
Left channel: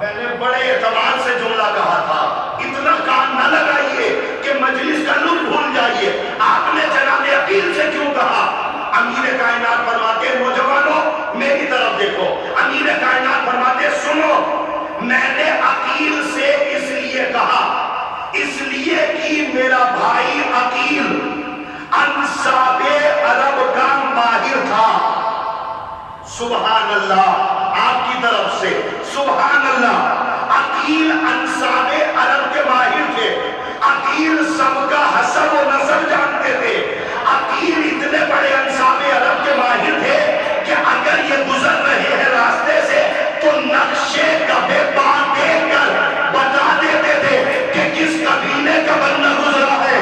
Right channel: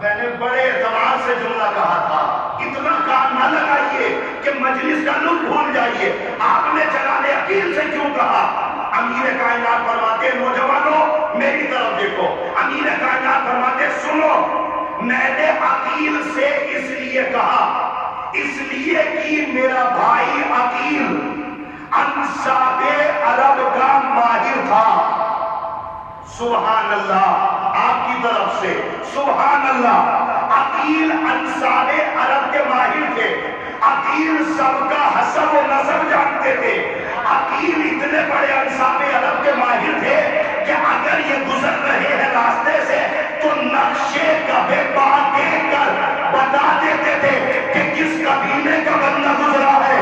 میں نے بڑے اعتماد سے جملہ کہا تھا، اتنا کام نہ لگائیے کہ مجلس کا لطف بھول جائیے۔ آپ نے جناب عقیل سے کیوں کہا؟ امیر کائنات فرماتے، نوجوانوں میری طرف دیکھو، امیر کائنات فرماتے سنو، میں نے عقیل سے اس لیے کہا، اس لیے کہ میرا بھائی عقیل انصاب عرب کا ماہر تھا۔ سبحان اللہ، آپ کی طرف سے سبحان اللہ۔ عقیل انصاب عرب کے ماہر تھے، عقیل سب کا حسب و نسب جانتے تھے۔ عقیل اتنے بڑے انصاب عرب کے ماہر تھے کہ اگر یہ گزر رہے ہیں راستے سے تو نقشے کبھی بات دیکھ کر بتا دیتے تھے کہ کس قبیلے کا بندہ گزرا ہے۔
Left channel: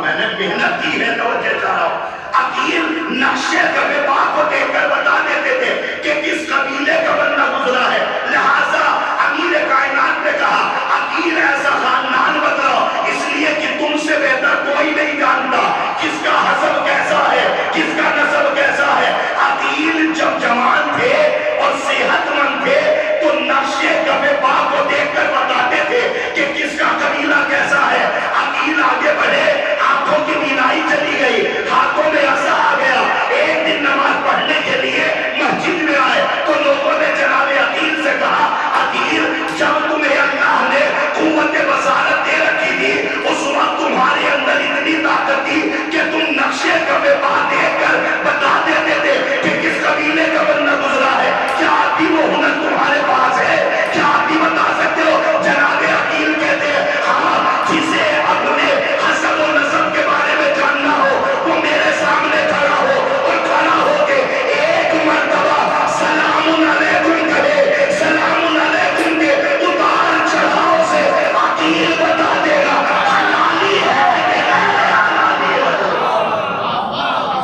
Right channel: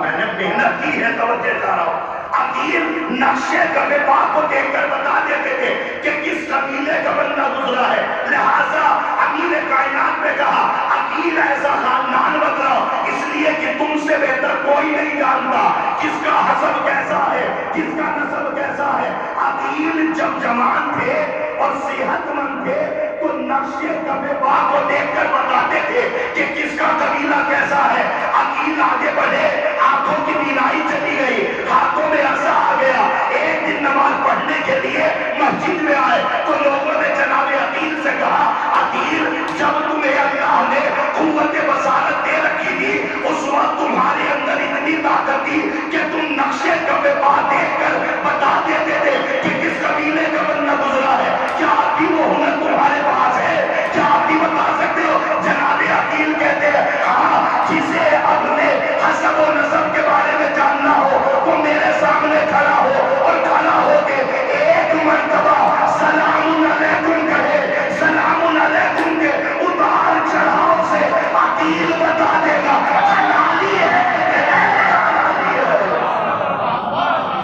میں نے محنت کی ہے، توجہ چاہ رہا ہوں۔ عقیل نقشے کبھی بات کو دیکھ کر بتا دیتے تھے کہ کس قبیلے کا بندہ گزرا ہے۔ لہٰذا امیر کائنات نے کہا، عقیل ایسا خاندان بتاؤ، اس لیے کہ تم سے بہتر کوئی نہیں جانتا کس کا حسب کیسا ہے، کس کا نسب کیسا ہے۔ عقیل جب جوان تھے اور صحت مند تھے تو نقشے کبھی بات کو دیکھ کر بتاتے تھے کہ کس کا قبیلہ کیسا ہے۔ عقیل آگے بڑھے، آنکھوں کی بینائی چلی گئی، ہاتھوں میں عصا آ گیا۔ ایک دن نماز پڑھنے کے لیے مسجد میں آئے تو لوگوں نے جناب عقیل سے کہا، عقیل جب تمہیں اللہ نے قوت بصارت دے رکھی تھی اس وقت تمہارے اندر اتنی طاقت تھی کہ تم نقشے کبھی بات دیکھ کر بتا دیتے تھے کہ کس قبیلے کا بندہ گزرا ہے۔ کیا آپ بھی وہ ہنر تمہارے پاس ہے؟ کیا آپ بھی بتا سکتے ہو؟ جناب عقیل کہتے ہیں، ہاں، جسے اپنے حسب و نسب کے بارے میں جاننا ہو وہ میرے سامنے کھڑا ہو اور کھڑا ہو کے ایک مرتبہ سلام علیکم کہے، سلام علیکم کے اتار چڑھاؤ سے عقیل بتا دے گا حلالی ہے کہ غیر حلالی ہے۔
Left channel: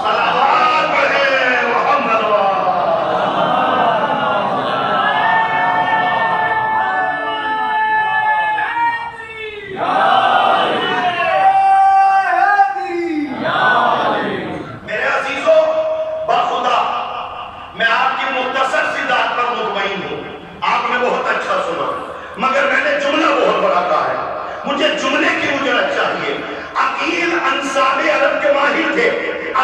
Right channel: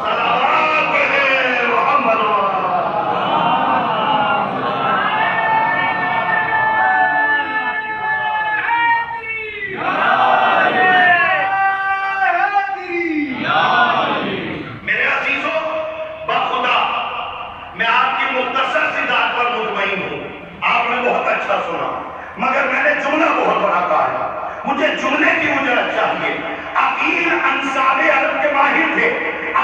صلوات پڑھیں محمد میرے عزیزوں، بخدا میں آپ کی مختصر سی بات پر مطمئن ہوں، آپ نے بہت اچھا سنا، مگر میں نے جملہ بہت بڑا کہا ہے، مجھے جملے کی اجرت چاہیے۔ عقیل انصاب عرب کے ماہر تھے،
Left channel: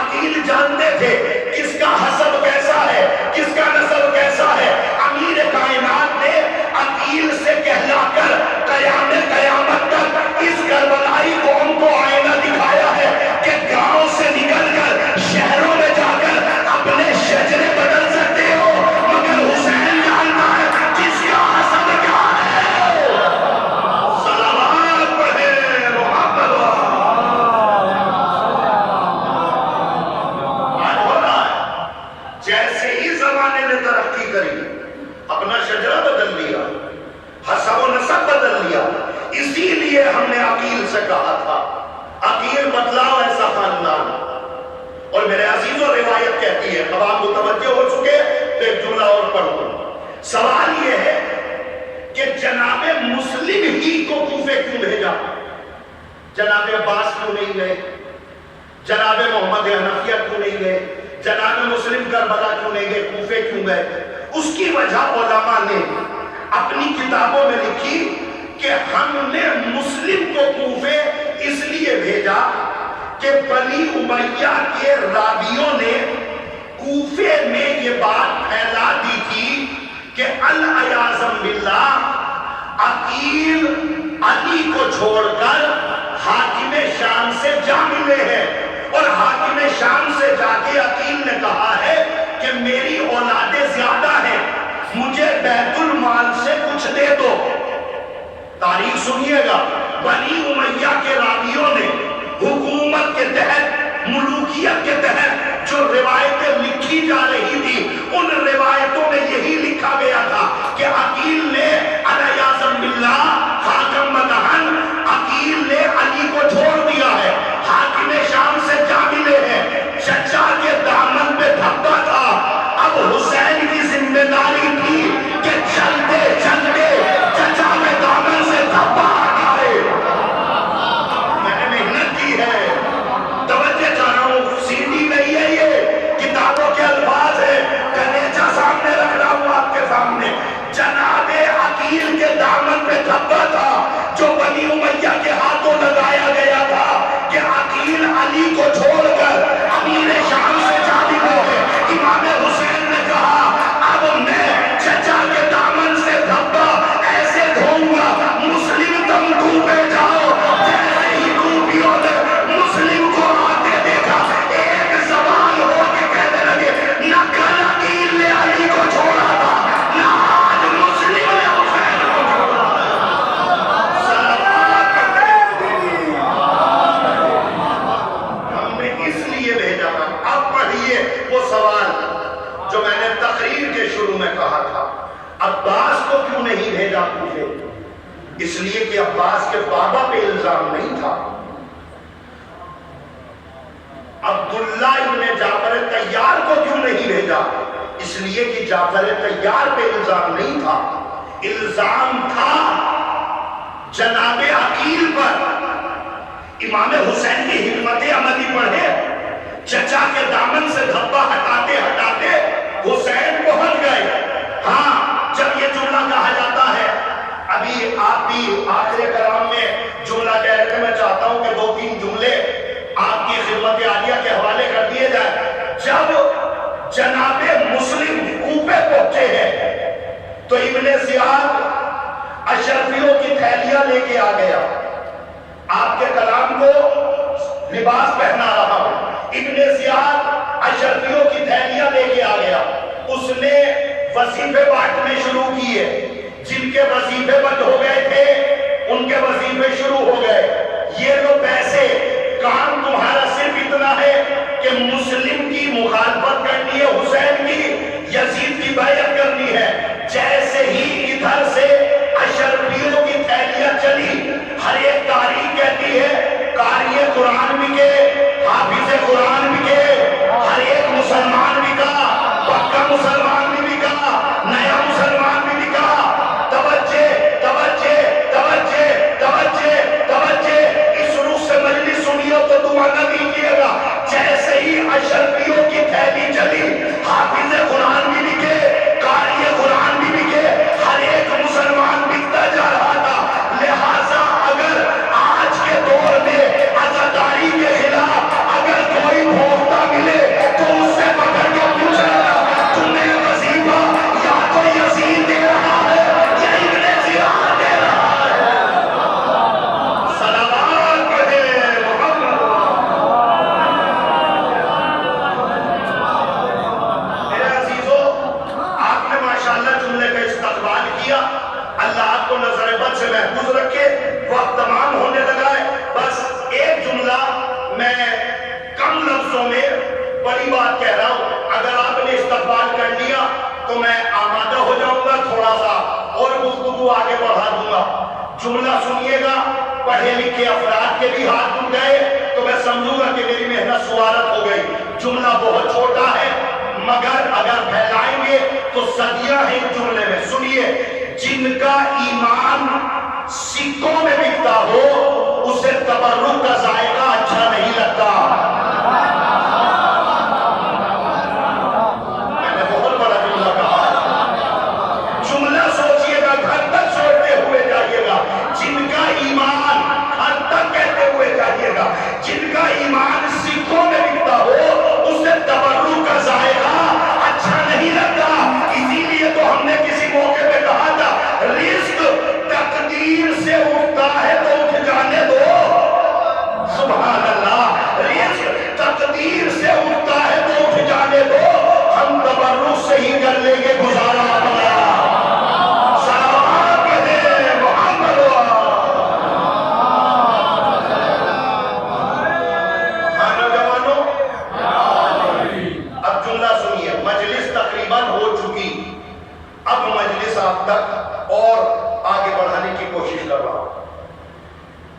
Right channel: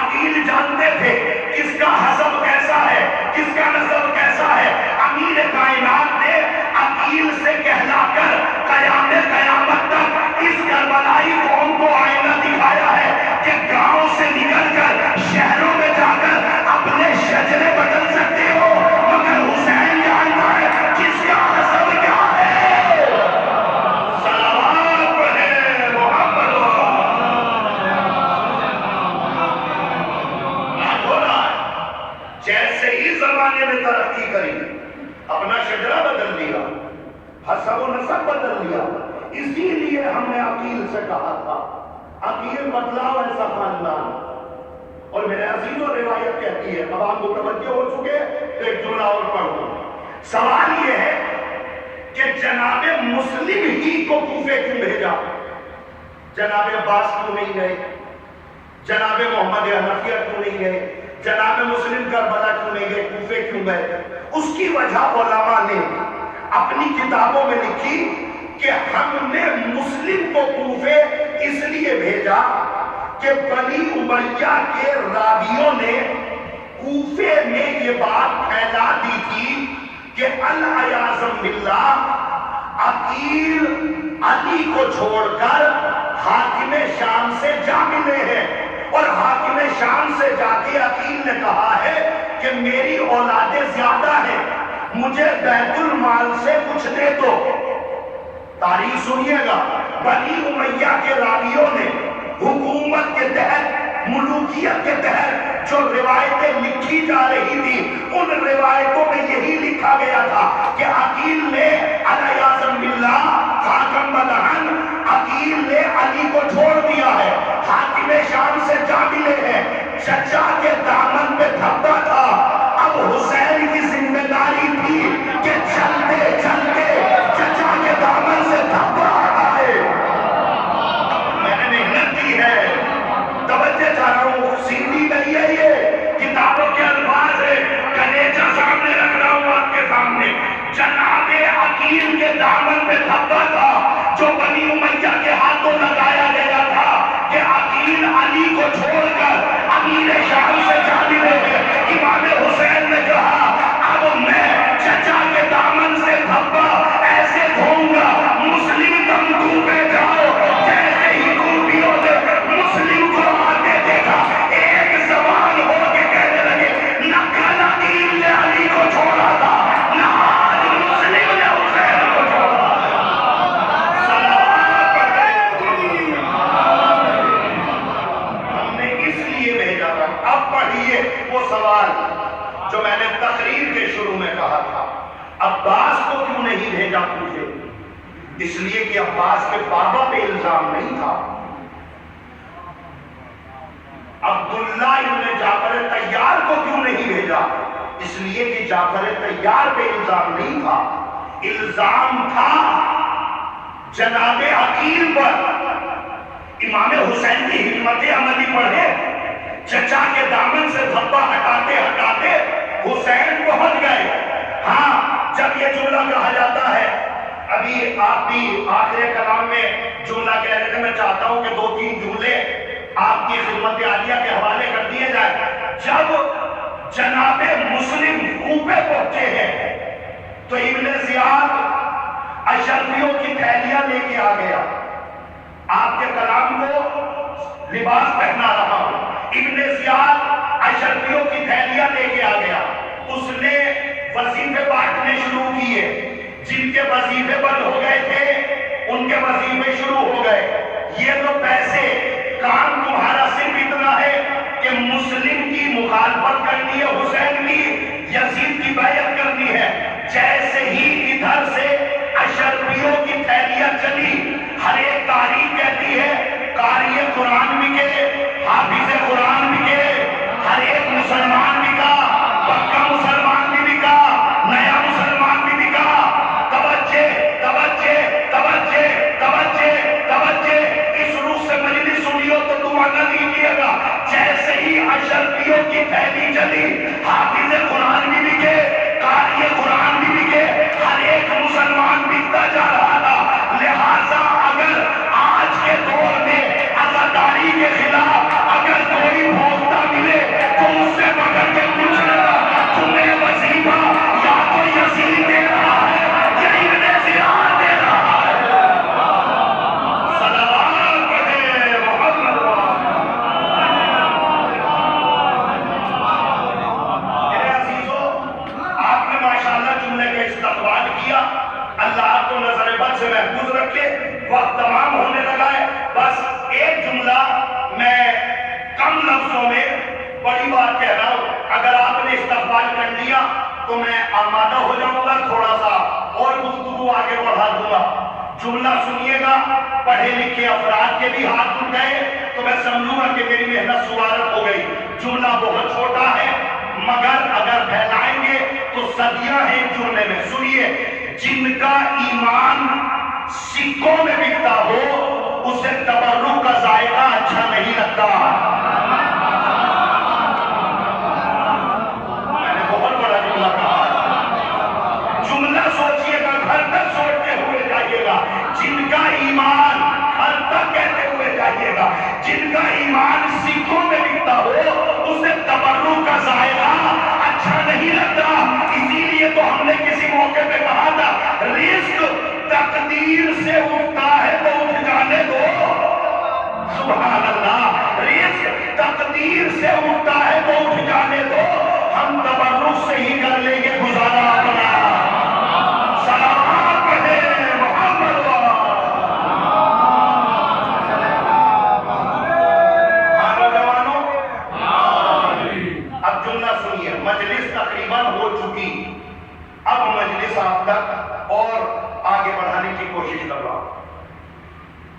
عقیل جانتے تھے کس کا حسب کیسا ہے، کس کا نسب کیسا ہے۔ امیر کائنات نے عقیل سے کہلا کر قیامت تک اس کربلائی قوم کو آئینہ دکھایا ہے کہ گاؤں سے نکل کر شہروں میں جا کر اپنے شجرے بدل سکتے ہو، مگر حسین جانتا ہے کس کا حسب کیا ہے۔ صلوات پڑھیں محمد۔ آج ہو رہا جیسے ہی زمانے نے ترقی کری اپنا شجرہ بدل لیا، حسب و نسب بدل لیا. اسی لیے ہم نے عقیل سے کہا تھا عقیل بتلاؤ ایسا خاندان. اور میرے عزیزوں روایت کہتی ہے، اب آپ متوجہ ہو چکے تو ایک جملہ اور پڑھوں. سوال یہ ہے کہ جناب مسلم ہی کو کوفے کیوں بھیجا؟ جناب عباس کیوں نہیں گئے؟ جناب محمد حنفیہ کیوں نہیں گئے؟ جناب مسلم کربلا کیوں نہیں گئے؟ کوفے کیوں گئے؟ اس کی وجہ علماء نے اپنی کتابوں میں لکھی کہ ہم نے مسلم کو کوفے اس لیے بھیجا کہ بنی امیہ کے راویوں نے کوفے میں یہ بات پھیلا دی تھی کہ العیاذ باللہ عقیل علی کو چھوڑ کر حاکم شام سے جا ملے ہیں، اور حاکم شام سے جا کے عقیل نے کہا ہے کہ میری اولادیں زیادہ ہیں، مجھے بیت المال سے کچھ دے دو. تاریخ سنیے گا، بنی امیہ کے راویوں نے حکومت کے تحت، ملوکیت کے تحت جو روایتیں لکھی جا رہی تھی، ان روایتوں میں یہی لکھا گیا تھا کہ عقیل نے الیاذ باللہ حاکم مدہن عقیل نے علی کو چھوڑ دیا ہے، حاکم شام سے جا ملے ہیں، چچا کے دامن پہ دھبا تھا. اب حسین کی ذمہ داری تھی کہ چلتے چلتے چچا کے دامن سے دھبا ہٹائے. میں نے محنت کی ہے، توجہ چاہ رہا ہوں، سیدھی نہیں ہے، یہ کتابوں کے الفاظ ہے، کنیچہ سامنے رکھ رہا ہوں آپ کے سامنے. جناب عقیل کے دامن پہ دھبا تھا جو بنی امیہ کے ہاتھوں لگایا گیا تھا کہ عقیل علی کو چھوڑ کر امیر شام سے جا ملے ہیں. امام حسین نے کہا اب میں چچا کے دامن سے دھبا ایسے دھوؤں گا، مسلم تم کوفے جاؤ. جیسے ہی کوفیوں نے مسلم کو آتے دیکھا، ایک زبان ہو کے کہنے لگے نہ کل عقیل نے علی کو چھوڑا تھا، نہ آج مسلم نے حسین کو چھوڑا. صلوات پڑھے. ہم نے اس لیے بھیجا تھا. اب پڑھیے وہ سوال جو میں نے تقریر کے شروع میں کہا تھا، عباس کو کیوں نہیں بھیجا کوفے؟ اس لیے کہ عباس کے بابا پہ الزام نہیں تھا. عبداللہ ابن جعفر طیار کو کیوں نہیں بھیجا؟ اس لیے کہ جعفر طیار پہ الزام نہیں تھا، الزام تھا جناب عقیل پر. امام حسین کی حکمت عملی پڑھے، چچا کے دامن سے دھبا ہٹاتے ہٹاتے حسین پہنچ گئے. ہاں، جب یہ جملہ کہا جاتا ہے، ابھی آپ کی آخر کلام میں جملہ کہہ رہے تھے، میں چاہتا ہوں کہ 2-3 جملے آپ کی خدمت عالیہ کے حوالے کر دیے جائیں. جب جناب مسلم کوفے پہنچے ہیں تو ابن زیاد اشرفیوں کی تھیلیاں لے کے آ گیا. آپ کے کلام کو لباس پہنا رہا ہوں. ابن زیاد اشرفیوں کی تھیلیاں لے کے آ گیا. اس نے وظیفے بانٹنے شروع کیے. جن کے وظیفے بند ہو گئے تھے ان کے وظیفے شروع ہو گئے. یہ تو پیسے، کام تمہارا صرف اتنا ہے کہ مسلم کی مخالفت کرنی ہے، حسین کی، یزید کی بیعت کرنی ہے. جیسے ہی ادھر سے اشرفیوں کی تھیلیاں چلی، ہر ایک تاریخ کہتی ہے قاری قرآن بکے، حافظ قرآن بکے، ہر ایک مسلمان بکا، پکا مسلمان بھی بکا، نیا مسلمان بھی بکا. توجہ توجہ توجہ توجہ توجہ. اس روح سے مجلس سنیو تو دعا نہ دیجیے گا. جیسے ہی اشرفیوں کی تھیلی چلی، حافظ قرآن بھی بکے، قاری قرآن تو میں آمادہ ہو جاؤں گا، تھوڑا سا اور گفتگو آگے بڑھا دوں گا۔ جملہ سنیے گا، پڑھے لکھے افراد کے بھی ہاتھ اٹھ گئے تو میں سمجھوں گا کہ میری محنت سوارت ہو گئی۔ جملہ بہت چھوٹا ہے مگر اگر پھیلائیں گے تو صدیاں ہیں اس جملے میں۔ سنیے، جن کا ایمان سکوں میں بکتا ہو اسے تبرک کا ذائقہ اچھا نہیں لگتا۔ میں نے بہت بڑا جملہ کہا، جملہ سوچئے گا، گھر تک سوچتے ہوئے جائیے گا۔ جن کا ایمان، گھر تک کہتے ہوئے جائیے گا، جن کا ایمان سکوں میں بکتا ہو اسے تبرک کا ذائقہ اچھا نہیں لگتا۔ اسی لیے تو ہم نے کسی موقع پہ کہا تھا، رزق تقدیر سے اٹھتا ہے تو اٹھ جانے دو۔ سبحان اللہ، رزق تقدیر سے اٹھتا ہے تو اٹھ جانے دو۔ ہم تبرک سے ہی کر لیں گے گزارا اپنا۔ سلام کہے محمد۔ ہاں نوجوانوں، اب جملہ سنیے، مجلس تقریباً ہو چکی، اب مجلس آپ تک اور آگے بڑھانے کی کوشش کر رہا ہوں۔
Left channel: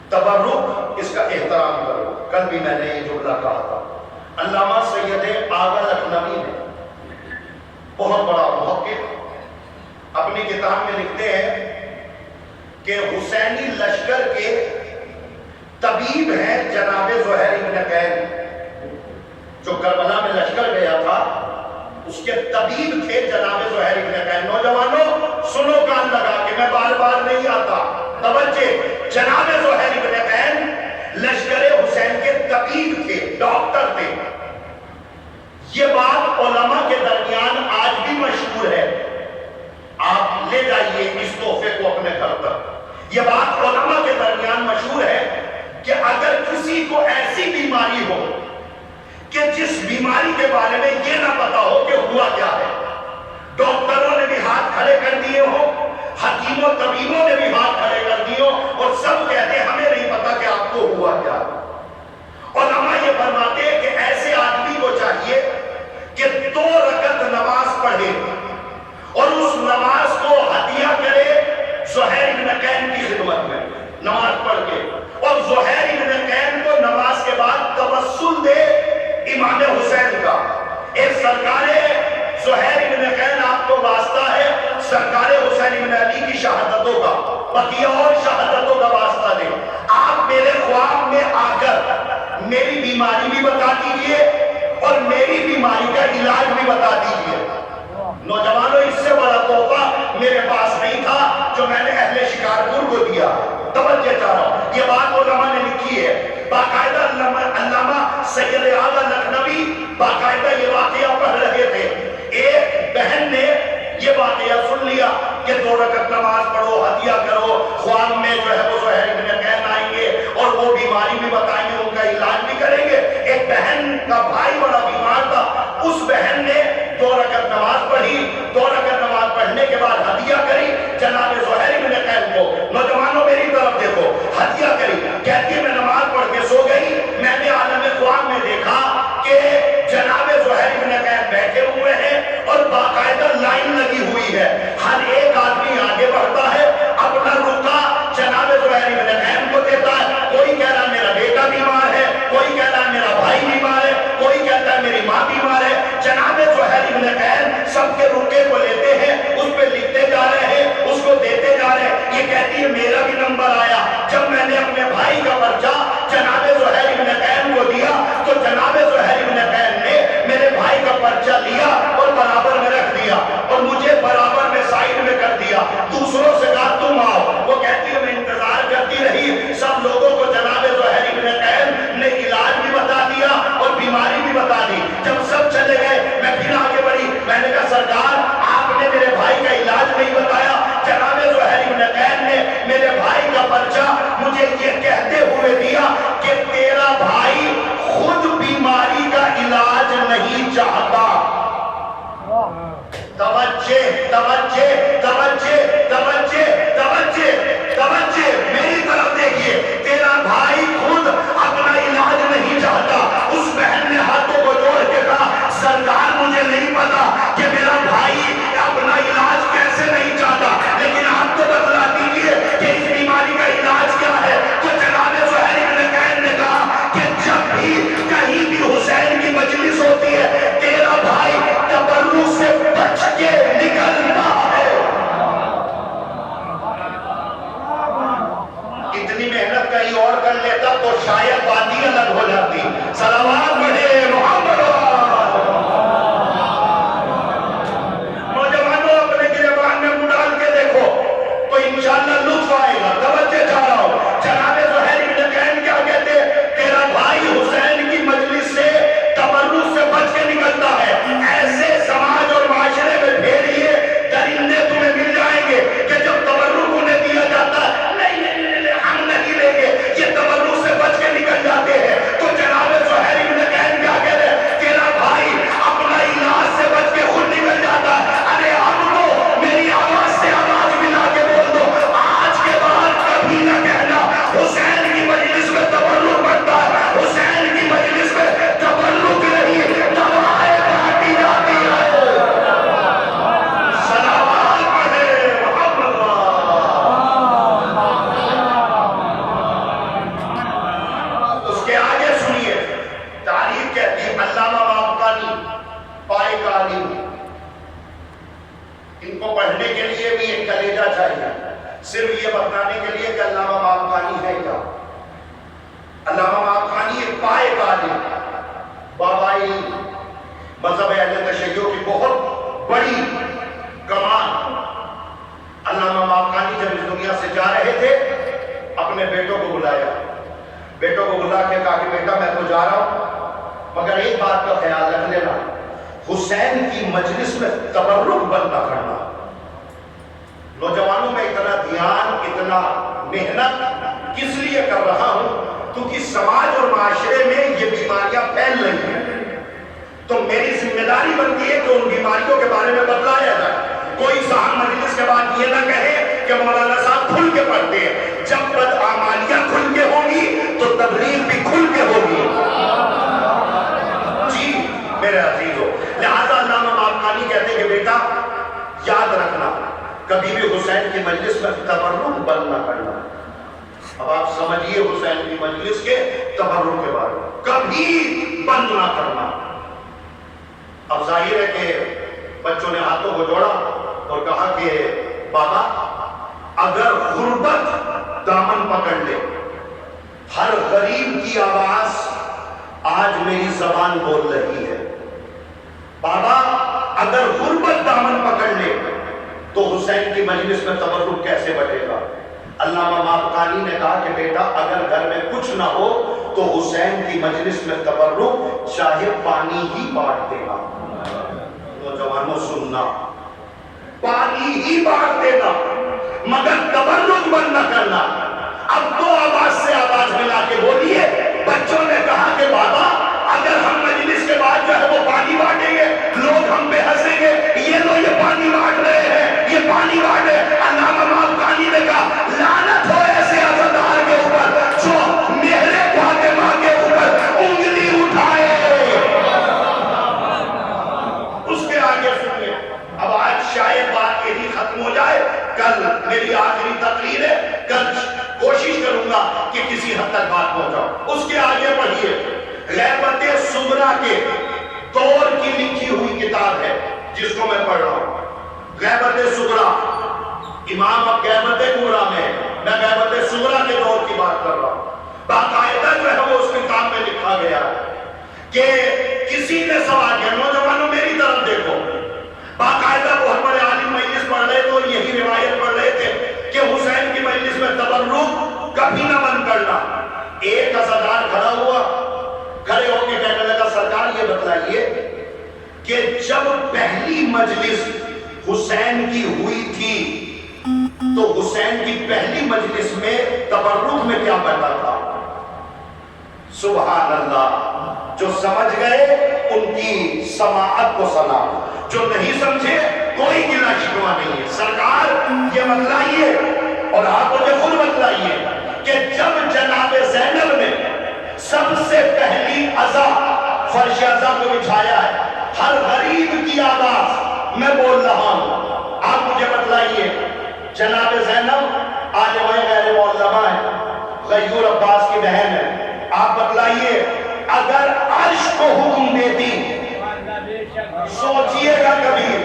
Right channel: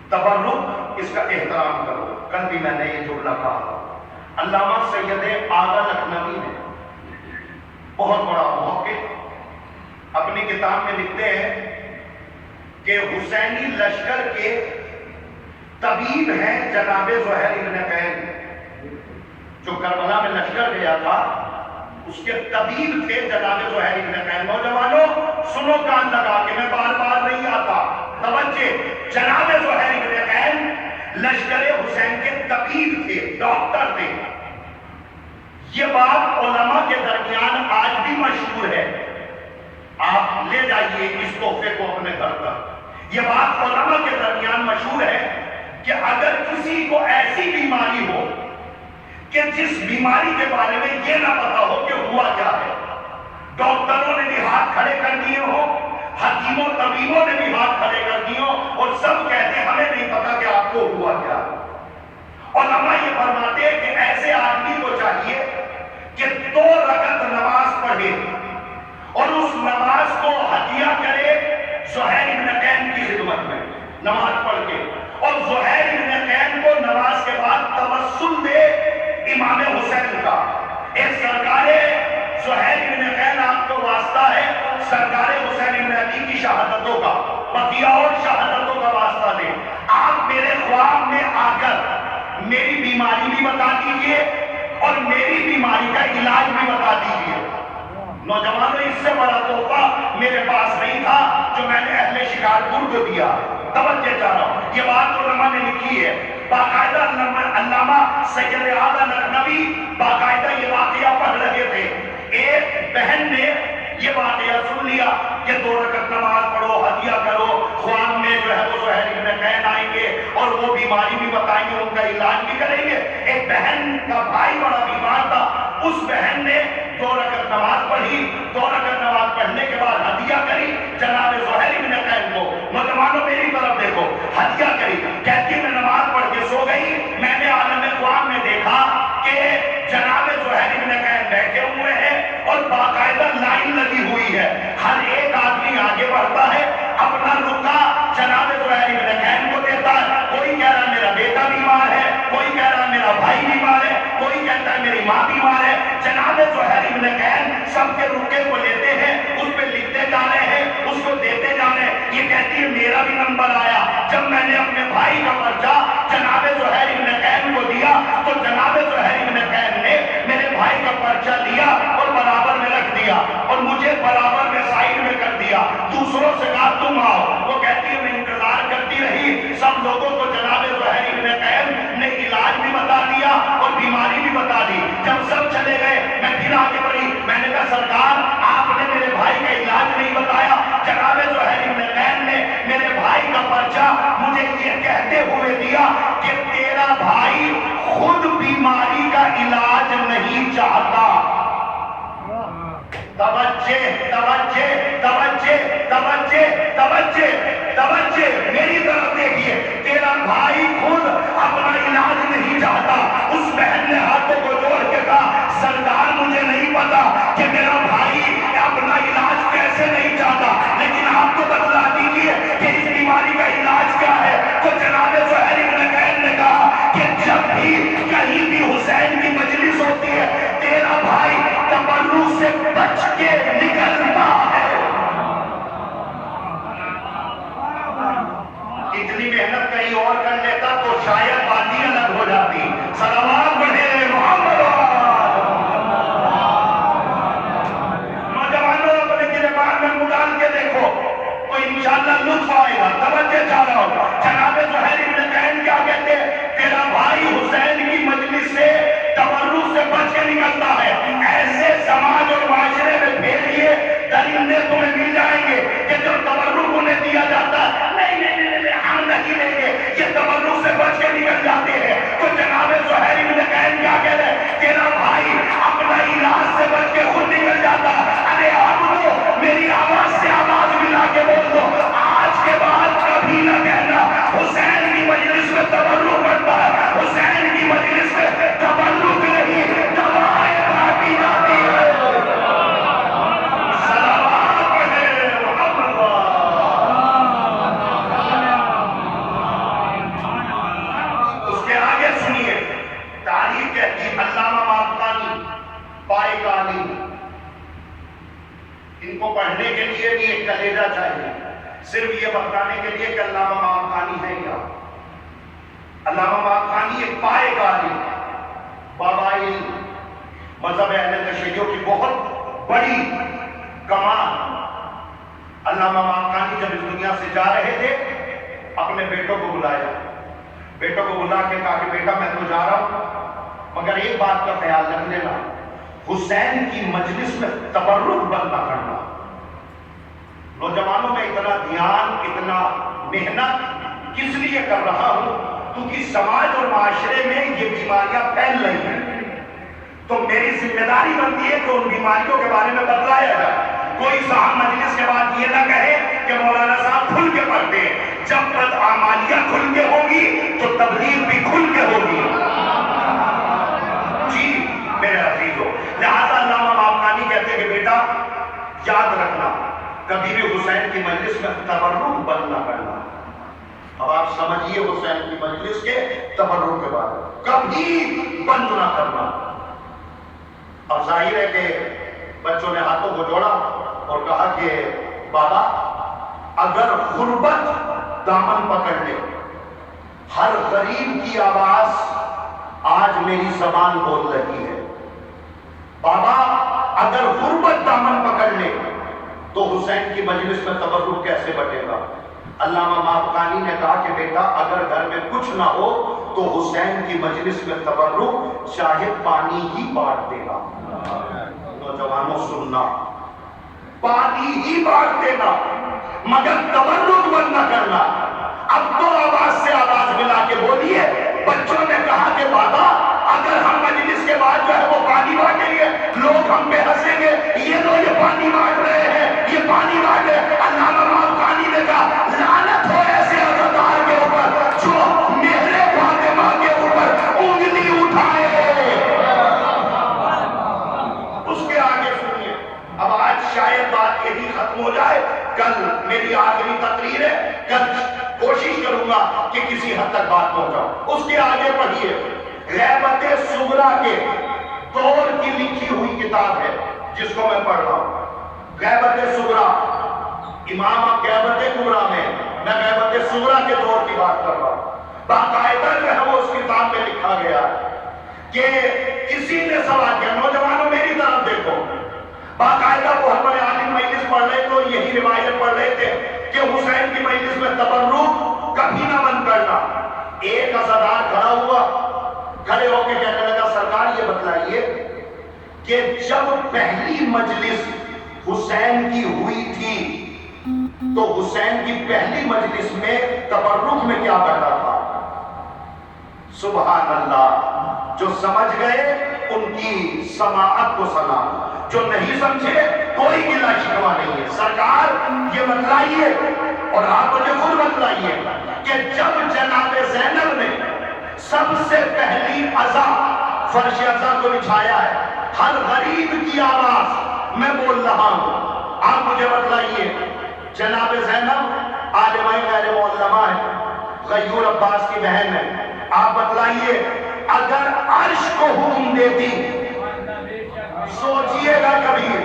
تبرک، اس کا احترام کرو۔ کل بھی میں نے یہ جملہ کہا تھا۔ علامہ سید آغا لکھنوی نے، بہت بڑا محقق، اپنی کتاب میں لکھتے ہیں کہ حسینی لشکر کے طبیب ہیں جناب زہیر بن قین، جو کربلا میں لشکر گیا تھا اس کے طبیب تھے جناب زہیر بن قین۔ نوجوانوں سنو کان لگا کے، میں بار بار نہیں آتا، توجہ۔ جناب زہیر بن قین لشکر حسین کے طبیب تھے، ڈاکٹر تھے۔ یہ بات علماء کے درمیان آج بھی مشہور ہے، آپ لے جائیے اس تحفے کو اپنے گھر تک۔ یہ بات علماء کے درمیان مشہور ہے کہ اگر کسی کو ایسی بیماری ہو کہ جس بیماری کے بارے میں یہ نہ پتا ہو کہ ہوا کیا ہے، ڈاکٹروں نے بھی ہاتھ کھڑے کر دیے ہوں، حکیموں طبیبوں نے بھی ہاتھ کھڑے کر دیے ہوں، اور سب کہتے ہیں ہمیں نہیں پتا کہ آپ کو ہوا کیا ہے۔ علماء یہ فرماتے ہیں کہ ایسے آدمی کو چاہیے کہ 2 رکعت نماز پڑھے اور اس نماز کو ہدیہ کرے زہیر بن قین کی خدمت میں، نماز پڑھ کے، اور زہیر بن قین کو نماز کے بعد توسل دے امام حسین کا۔ ایک سرکار زہیر بن قین آپ کو واسطہ ہے سرکار حسین بن علی کی شہادتوں کا، بقیہ اور شہادتوں کا واسطہ دے۔ آپ میرے خواب میں آ کر میری بیماری بھی بتا دیجئے اور میری بیماری کا علاج بھی بتا دیجئے۔ نوجوانوں اس سے بڑا تحفہ میرے پاس نہیں تھا جو میں نے اہل شکارپور کو دیا۔ توجہ چاہ رہا ہوں، یہ بات علماء نے لکھی ہے، باقاعدہ علامہ سید اعظم لکھنوی باقاعدہ یہ واقعہ پڑھ رہے تھے۔ ایک بہن نے یہ واقعہ سن لیا کہ 2 رکعت نماز پڑھو، ہدیہ کرو، خواب میں جو ہے وہ زہیر بن قین آئیں گے اور وہ بیماری بھی بتائیں گے، ان کا علاج بھی کریں گے۔ ایک بہن کا بھائی بڑا بیمار تھا، اس بہن نے 2 رکعت نماز پڑھی، 2 رکعت نماز پڑھنے کے بعد ہدیہ کری جناب زہیر بن قین کو۔ نوجوانوں میری طرف دیکھو، ہدیہ کری، کہتی ہے میں نماز پڑھ کے سو گئی، میں نے عالم خواب میں دیکھا کہ جناب زہیر بن قین بیٹھے ہوئے ہیں اور باقاعدہ لائن لگی ہوئی ہے، ہر ایک آدمی آگے بڑھتا ہے، اپنا رکا جناب زہیر بن قین کو دیتا ہے۔ کوئی کہہ رہا ہے میرا بیٹا بیمار ہے، کوئی کہہ رہا ہے میرا بھائی بیمار ہے، کوئی کہتا ہے میری ماں بیمار ہے۔ جناب زہیر بن قین سب کے رکے کو لیتے ہیں، اس پہ لکھتے جا رہے ہیں، اس کو دیتے جا رہے ہیں۔ یہ کہتی ہے میرا بھی نمبر آیا۔ جب میں نے اپنے بھائی کا پرچہ جناب زہیر بن قین کو دیا تو جناب زہیر بن قین نے میرے بھائی کا پرچہ لیا اور برابر میں رکھ دیا اور مجھے برابر میں سائڈ میں کر دیا۔ دوسروں سے کہا تم آؤ، وہ کہتی ہے میں انتظار کرتی رہی، سب لوگوں کو جناب زہیر بن قین نے علاج بھی بتا دیا اور بیماری بھی بتا دی۔ جب سب چلے گئے میں پھر آگے بڑھی، میں نے کہا سرکار آپ نے میرے بھائی کا علاج نہیں بتایا۔ جناب زہیر بن قین نے میرے بھائی کا پرچہ مجھے یہ کہتے ہوئے دیا کہ تیرا بھائی خود بیماری کا علاج نہیں چاہتا۔ توجہ توجہ توجہ توجہ توجہ توجہ میری طرف دیکھیے، تیرا بھائی خود اپنا علاج نہیں چاہتا۔ اس بہن نے ہاتھوں کو جوڑ کے کہا سرکار مجھے نہیں پتا کہ میرا بھائی کو پڑھنے کے لیے بھی ایک کلیجہ چاہیے، صرف یہ بتانے کے لیے کہ علامہ مابخانی ہے کیا۔ علامہ مابخانی ایک پائے عالم، بابائی مذہب اہل تشیع کی بہت بڑی کمان۔ علامہ مابخانی جب اس دنیا سے جا رہے تھے اپنے بیٹوں کو بلایا، بیٹوں کو بلا کے کہا کہ بیٹا میں تو جا رہا ہوں، مگر ایک بات کا خیال رکھ لینا، حسین کی مجلس میں تبرک بند نہ کرنا۔ نوجوانوں میں اتنا دھیان، اتنا محنت کس لیے کر رہا ہوں؟ کیونکہ سماج اور معاشرے میں یہ بیماریاں پھیل رہی ہیں، تو میری ذمہ داری بنتی ہے کہ ان بیماریوں کے بارے میں بتلایا جائے۔ کوئی صاحب مجلس کے بعد یہ نہ کہے کہ مولانا صاحب کھل کے پڑھتے ہیں۔ جب بدعمالیاں کھل کے ہوں گی تو تبلیغ بھی کھل کے ہوگی۔ جی میرے عزیزو، لہذا علامہ مابخانی کہتے ہیں کہ بیٹا یاد رکھنا، کبھی بھی حسین کی مجلس میں تبرک بند نہ کرنا۔ اب آپ سمجھیے حسین کی مجلس کے تبرک کے بارے میں کبھی بند نہ کرنا۔ اب ظاہر ہے کہ بچوں نے ہاتھوں کو جوڑا اور کہا کہ بابا اگر غربت دامن پکڑ لے، ہر غریب کی آواز آج میری زبان بول رہی ہے، بابا اگر غربت دامن پکڑ لے تو حسین کی مجلس میں تبرک کیسے بٹے گا؟ علامہ مابخانی نے کہا کہ بیٹا اگر گھر میں کچھ نہ ہو تو حسین کی مجلس میں تبرک چاہے پانی ہی بانٹ دے گا۔ نوجوانوں سننا، پانی ہی بانٹ دینا مگر تبرک بند نہ کرنا۔ اب تو آواز سے آواز ملا کے بولیے۔ بچوں نے کہا کہ بابا اگر ہم مجلس کے بعد جو ہے وہ پانی بانٹیں گے لوگ ہم پہ ہنسیں گے، یہ لوگ یہ پانی بانٹ رہے ہیں، یہ پانی بانٹ رہے ہیں۔ علامہ مابخانی نے کہا لعنت ہو ایسے عزادار کے اوپر جو میرے فاطمہ کے اوپر انگلی اٹھائے۔ اس کے آگے سنیے، اب آج شاید بات یہی ختم ہو جائے، کل میری آخری تقریر ہے، کل کوشش کروں گا کہ کسی حد تک بات پہنچاؤں۔ اس کے آگے پڑھیے، غیبت صغریٰ کے دور کی لکھی ہوئی کتاب ہے جس کو میں پڑھ رہا ہوں، غیبت صغریٰ۔ امام اب غیبت کبریٰ میں، میں غیبت صغریٰ کے دور کی بات کر رہا ہوں۔ باقاعدہ جو ہے وہ اس کتاب میں لکھا گیا کہ کسی نے سوال کیا، نوجوانوں میری طرف دیکھو، باقاعدہ بہت بڑے عالم مجلس پڑھ رہے تو یہی روایت پڑھ رہے تھے کہ حسین کی مجلس میں تبرک کبھی نہ بند کرنا۔ ایک عزادار کھڑا ہوا، کھڑے ہو کے کہنے لگا سرکار یہ بتلائیے کہ جب پہلی مجلس حسین کی ہوئی تھی تو حسین کی پہلی مجلس میں تبرک میں کیا بتا تھا؟ سبحان اللہ، جو سمجھ گئے ان کی سماعت کو سلام، جو نہیں سمجھے کوئی گلہ شکوہ نہیں ہے۔ سرکار یہ بتلائیے اور آپ مجھے خود بتلائیے کہ جب جناب زینب نے سب سے پہلی عزا فرش عزا کو بچھایا ہے، ہر غریب کی آواز میں بول رہا ہوں، آپ مجھے بتلائیے جناب زینب عالمہ غیر معلمہ ہے، غیور عباس کی بہن ہے، آپ بتلائیے اگر عرش کو حکم دیتی، سوچئے گا کبھی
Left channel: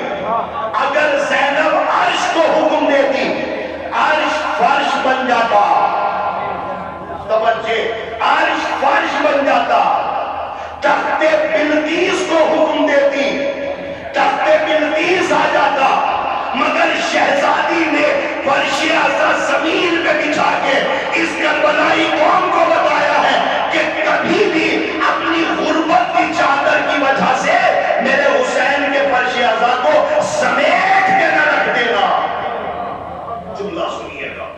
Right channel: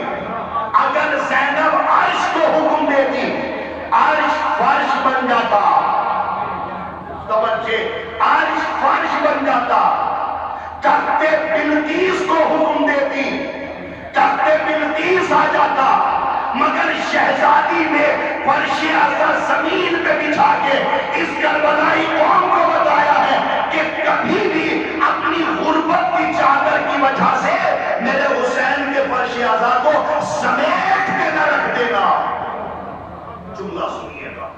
اگر زینب عرش کو حکم دیتی عرش فرش بن جاتا، توجہ، عرش فرش بن جاتا، تخت بلقیس کو حکم دیتی تخت بلقیس آ جاتا، مگر شہزادی نے فرش عزا زمین پہ بچھا کے اس کربلائی قوم کو بتایا ہے کہ کبھی بھی اپنی غربت کی چادر کی وجہ سے میرے حسین کے فرش عزا کو سمیٹ کے نہ رکھ دینا۔ جملہ سنیے گا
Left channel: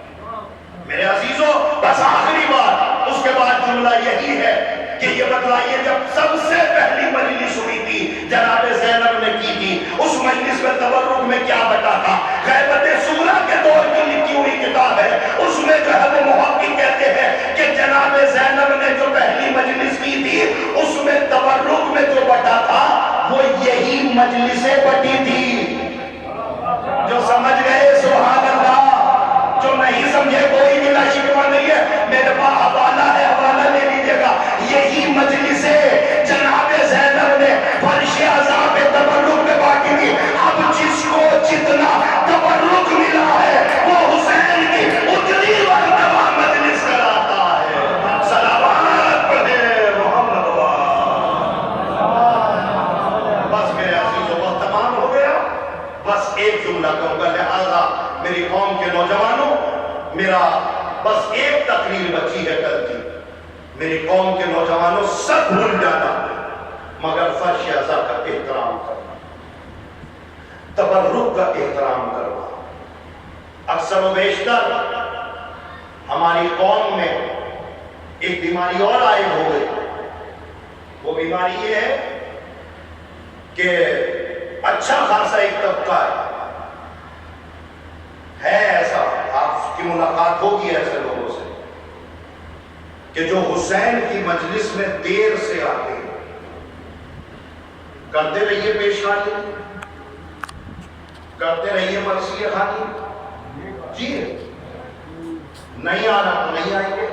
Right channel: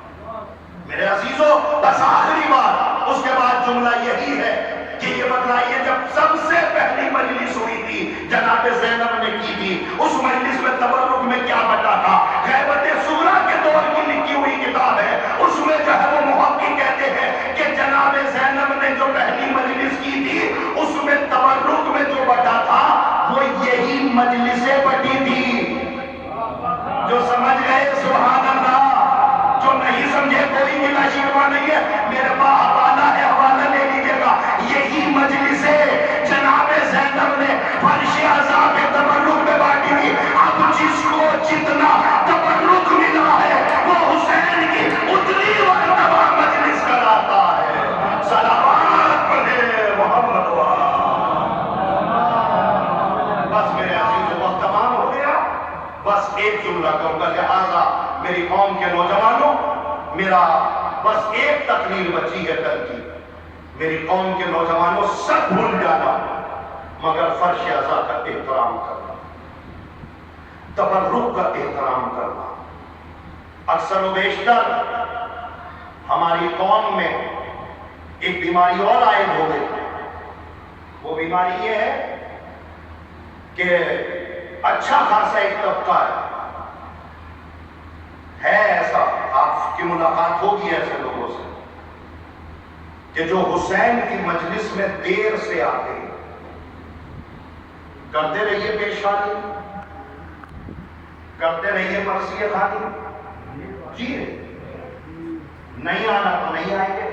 میرے عزیزو، بس آخری بات، اس کے بعد جملہ یہی ہے کہ یہ بتلائیے جب سب سے پہلی مجلس ہوئی تھی جناب زینب نے کی تھی، اس مجلس میں تبرک میں کیا بتا تھا؟ غیبت صغریٰ کے دور کی لکھی ہوئی کتاب ہے، اس میں جو ہے وہ محقق کہتے ہیں کہ جناب زینب نے جو پہلی مجلس کی تھی اس میں تبرک میں جو بتا تھا وہ یہی مجلسیں بٹی تھی۔ جو سمجھ گئے سبحان اللہ، جو نہیں سمجھے کوئی گلہ شکوہ نہیں ہے، میرے پاس حوالہ ہے، حوالہ لے لیجئے گا، یہی مجلسیں جناب زینب نے فرش عزا پہ تبرک میں باقی تھی۔ اب جس کو جتنا ایک جملہ کہوں گا، لہذا میری قوم کے نوجوانوں، میرا بس ایک تقریر بچی ہے کل کی، میری قوم کے نوجوانوں سب بھول جانا مگر فرش ازا کا احترام کرنا، تبرک کا احترام کرنا۔ اکثر و بیشتر ہماری قوم میں ایک بیماری اور عائد ہو گئی، وہ بیماری یہ ہے کہ اچھا خاصا ایک طبقہ ہے ایسا، آپ کی ملاقات ہوگی ایسے لوگوں سے کہ جو حسین کی مجلس میں دیر سے آتے ہیں، کرتے رہیے پیشانی، کرتے رہیے مرثیہ خوانی، جی نہیں آنا تو نہیں آئیں گے۔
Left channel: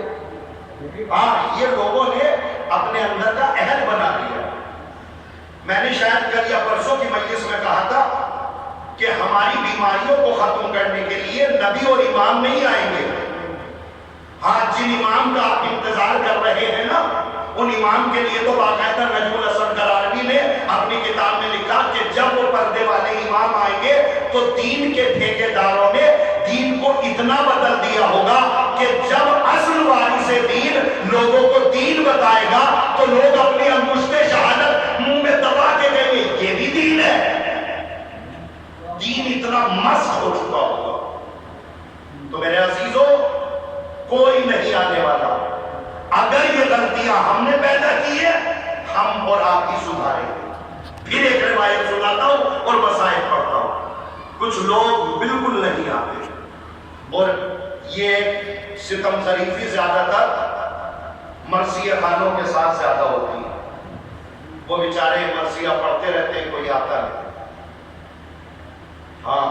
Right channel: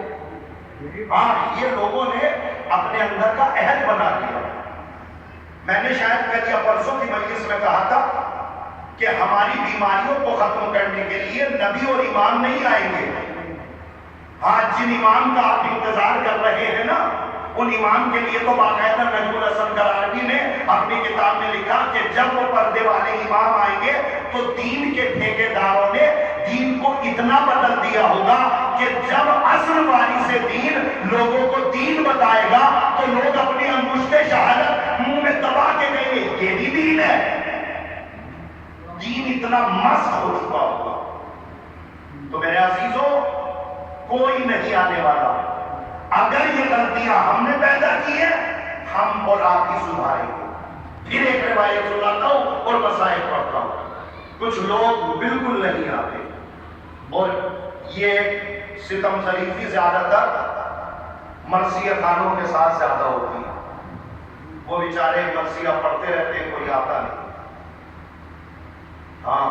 ہاں، یہ لوگوں نے اپنے اندر کا عہد بنا لیا۔ میں نے شاید کل یا پرسوں کی مجلس میں کہا تھا کہ ہماری بیماریوں کو ختم کرنے کے لیے نبی اور امام نہیں آئیں گے۔ ہاں، جن امام کا آپ انتظار کر رہے ہیں نا، ان امام کے لیے تو باقاعدہ نجم الحسن کراربی نے اپنی کتاب میں لکھا کہ جب وہ پردے والے امام آئیں گے تو دین کے ٹھیکے داروں نے دین کو اتنا بدل دیا ہوگا کہ جب اصل وارث دین لوگوں کو دین بتائے گا تو لوگ اپنی انگشت شہادت منہ میں دبا کے کہیں گے یہ بھی دین ہے۔ دین اتنا مسخ ہو چکا ہوگا۔ تو میرے عزیزوں، کوئی نہیں آنے والا۔ اگر یہ غلطیاں ہم نے پیدا کی ہے، ہم اور آپ ہی سدھاریں گے۔ پھر ایک روایت سناتا ہوں اور مسائل پڑھتا ہوں۔ کچھ لوگ بالکل نہیں آتے، اور یہ ستم ظریفی زیادہ تر مرثیہ خانوں کے ساتھ زیادہ ہوتی ہے۔ وہ بیچارے مرثیہ پڑھتے رہتے ہیں، کوئی آتا نہیں۔ ہاں،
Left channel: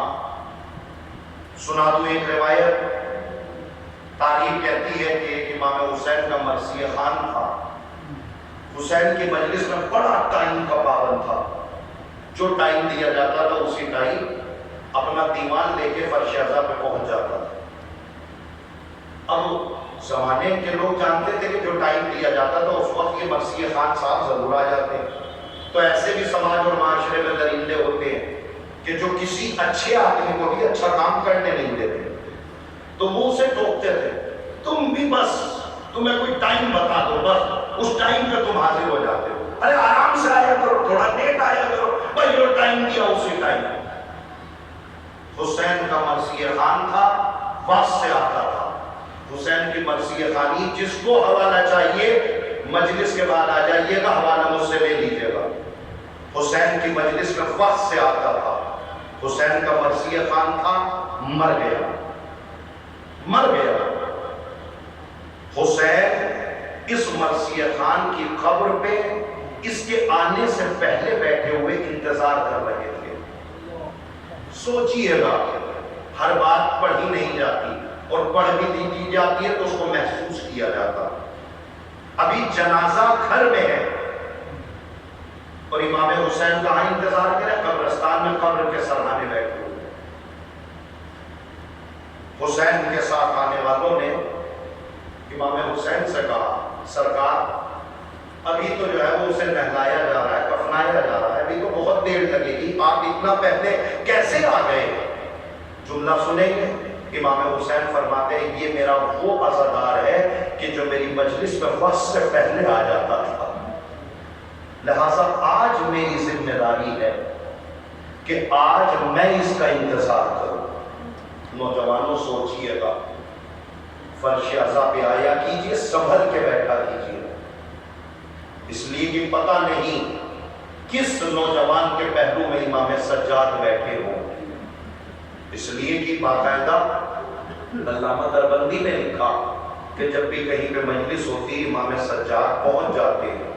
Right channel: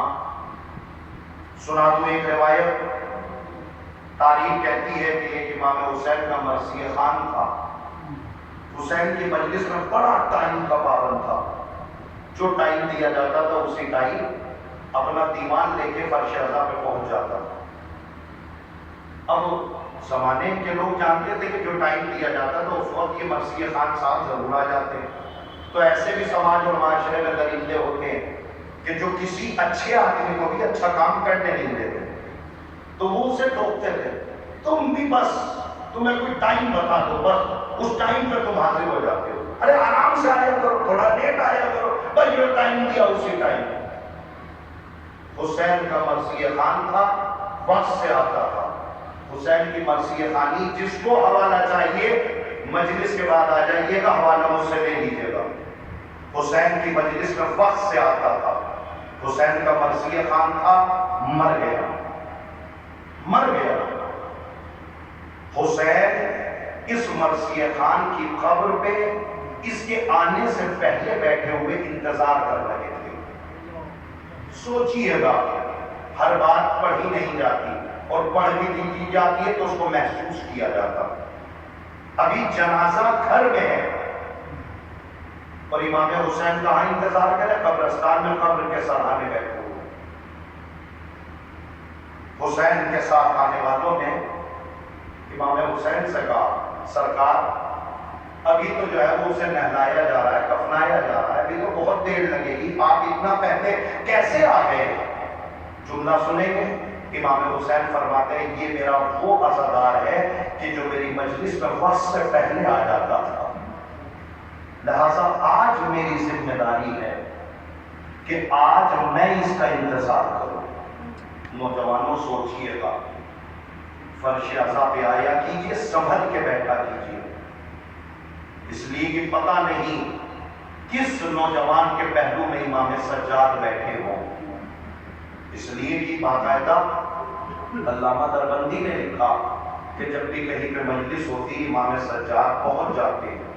سنا دوں ایک روایت۔ تاریخ کہتی ہے کہ ایک امام حسین کا مرثیہ خان تھا۔ حسین کی مجلس میں بڑا ٹائم کا پابند تھا، جو ٹائم دیا جاتا تھا اسی ٹائم اپنا دیوان لے کے فرش ازا پہ پہنچ جاتا تھا۔ اب زمانے کے لوگ جانتے تھے کہ جو ٹائم دیا جاتا تھا اس وقت یہ مرثیہ خان صاحب ضرور آ جاتے ہیں۔ تو ایسے بھی سماج اور معاشرے میں درندے ہوتے ہیں کہ جو کسی اچھے آدمی کو بھی اچھا کام کرنے نہیں دیتے، تو وہ اسے ٹوکتے تھے، تم بھی بس تمہیں کوئی ٹائم بتا دو، بس اس ٹائم پہ تم حاضر ہو جاتے ہو، ارے آرام سے آیا کرو، تھوڑا لیٹ آیا کرو، بھائی جو ٹائم دیا اسی ٹائم۔ حسین کا مرثیہ خان تھا، وقت سے آتا تھا۔ حسین کی مرثیہ خانی، جس کو حوالہ چاہیے مجلس کے بعد آ جائیے گا، حوالہ مجھ سے لے لیجیے گا۔ حسین کی مجلس میں وقت سے آتا تھا۔ حسین کا مرثیہ خان تھا، مر گیا، مر گیا۔ حسین اس مرثیہ خان کی قبر پہ اس کے آنے سے پہلے بیٹھے ہوئے انتظار کر رہے تھے۔ سوچئے گا، ہر بات پڑھی نہیں جاتی، اور پڑھ بھی دی جاتی ہے تو اس کو محسوس کیا جاتا۔ ابھی جنازہ گھر میں ہے اور امام حسین کہاں انتظار کرے؟ قبرستان میں، قبر کے سرانے بیٹھے ہوئے۔ حسین کے ساتھ آنے والوں نے امام حسین سے کہا، سرکار ابھی تو جو ہے وہ اسے نہلایا جا رہا ہے، کفنایا جا رہا ہے، ابھی تو بہت دیر لگے گی، آپ اتنا پہلے کیسے آ گئے؟ جملہ سنیں گے؟ امام حسین فرماتے ہیں یہ میرا وہ عزادار ہے کہ جو میری مجلس میں وقت سے پہلے آ جاتا تھا، لہٰذا آج میری ذمہ داری ہے کہ آج میں اس کا انتظار کروں۔ نوجوانوں سوچئے گا، فرش ازا پہ آیا کیجئے، سنبھل کے بیٹھا کیجئے، اس لیے کہ پتہ نہیں کس نوجوان کے پہلو میں امام سجاد بیٹھے ہوں۔ اس لیے کہ باقاعدہ علامہ دربندی نے لکھا کہ جب بھی کہیں پہ مجلس ہوتی امام سجاد پہنچ جاتے ہیں،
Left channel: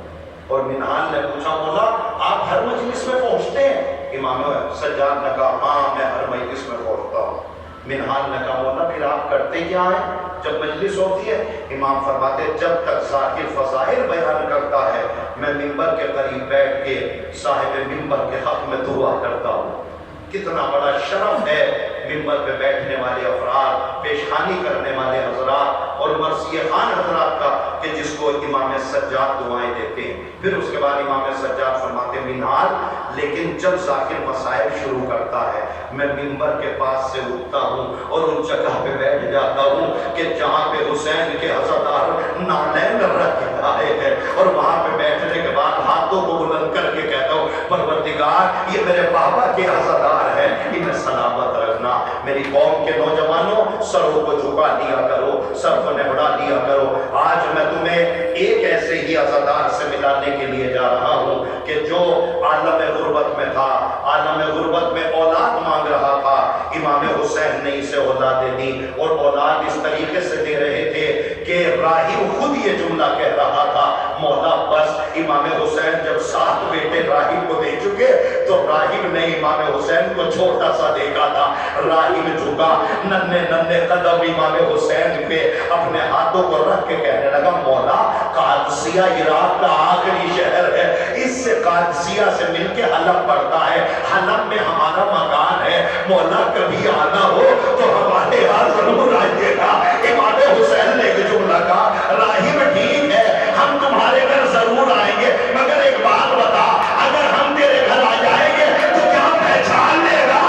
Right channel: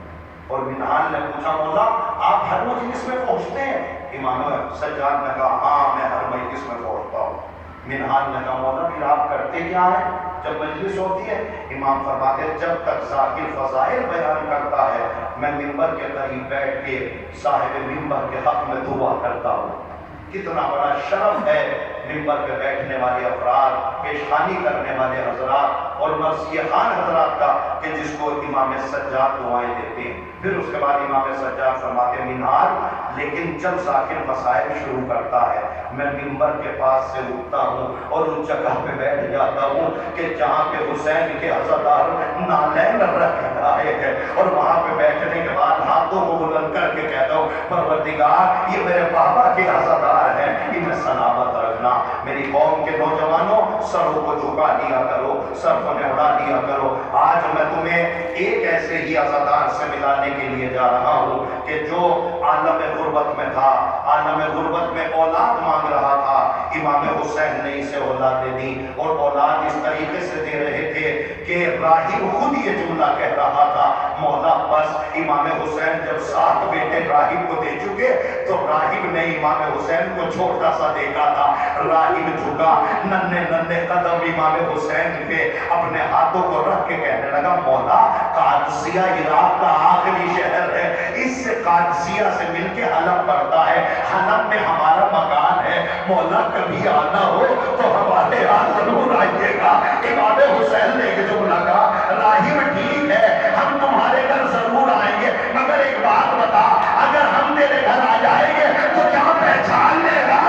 اور منہال نے پوچھا، مولا آپ ہر مجلس میں پہنچتے ہیں؟ امام سجاد نے کہا ہاں میں ہر مجلس میں پہنچتا ہوں۔ منہال نے کہا مولا پھر آپ کرتے کیا ہیں جب مجلس ہوتی ہے؟ امام فرماتے ہیں جب تک ذاکر فضائل بیان کرتا ہے میں ممبر کے قریب بیٹھ کے صاحب ممبر کے حق میں دعا کرتا ہوں۔ کتنا بڑا شرف ہے ممبر پہ بیٹھنے والے افراد، پیشخانی کرنے والے حضرات اور مرثیہ خان حضرات کا کہ جس کو امام سجاد دعائیں دیتے ہیں. پھر اس کے بعد امام سجاد فرماتے ہیں منہاج. لیکن جب ذاکر مصائب شروع کرتا ہے میں منبر کے پاس سے اٹھتا ہوں اور ان جگہ پہ بیٹھ جاتا ہوں کہ جہاں پہ حسین کے عزادار نالین رکھ کے آئے ہیں, اور وہاں پہ بیٹھنے کے بعد ہاتھوں کو بلند کر کے کہتا ہوں پروردگار یہ میرے بابا کے عزادار ہیں, انہیں سلامت رکھنا. میری قوم کے نوجوانوں سروں کو جھکا دیا کرو, سر کو نہڑا دیا کرو. آج میں تمہیں ایک ایسے ہی عزادار سے ملانے کے لیے جا رہا ہوں کہ جو عالم غربت میں تھا, عالم غربت میں اولاد مانگ رہا تھا. امام حسین نے اسے اولادیں دی, اور اولاد اس طریقے سے دے رہے تھے کہ راہب خود یہ جملہ کہہ رہا تھا مولا بس. امام حسین جب 7 بیٹے راہب کو دے چکے تو راہب نے امام حسین کو چھوٹا سا دیکھا تھا. راہب جھکا, ننھے ننھے قدم امام حسین پہ اپنے ہاتھوں کو رکھ کے کہنے لگا مولا قادسیہ عراق کا آخری شہر ہے, اس سے قادسیہ سے مل کے حلب پڑتا ہے, حلب میں ہمارا مکان ہے, مولا کبھی آنا ہو تو ہمارے یہاں ضرور آئیے گا. امام حسین نے یہ جملہ کہا راہب ٹھیک ہے ہم تمہارے گھر ضرور آئیں گے, مگر ایک بات بتا اگر ہم تیرے گھر آ جائیں گے تو کیا پہچان لے گا؟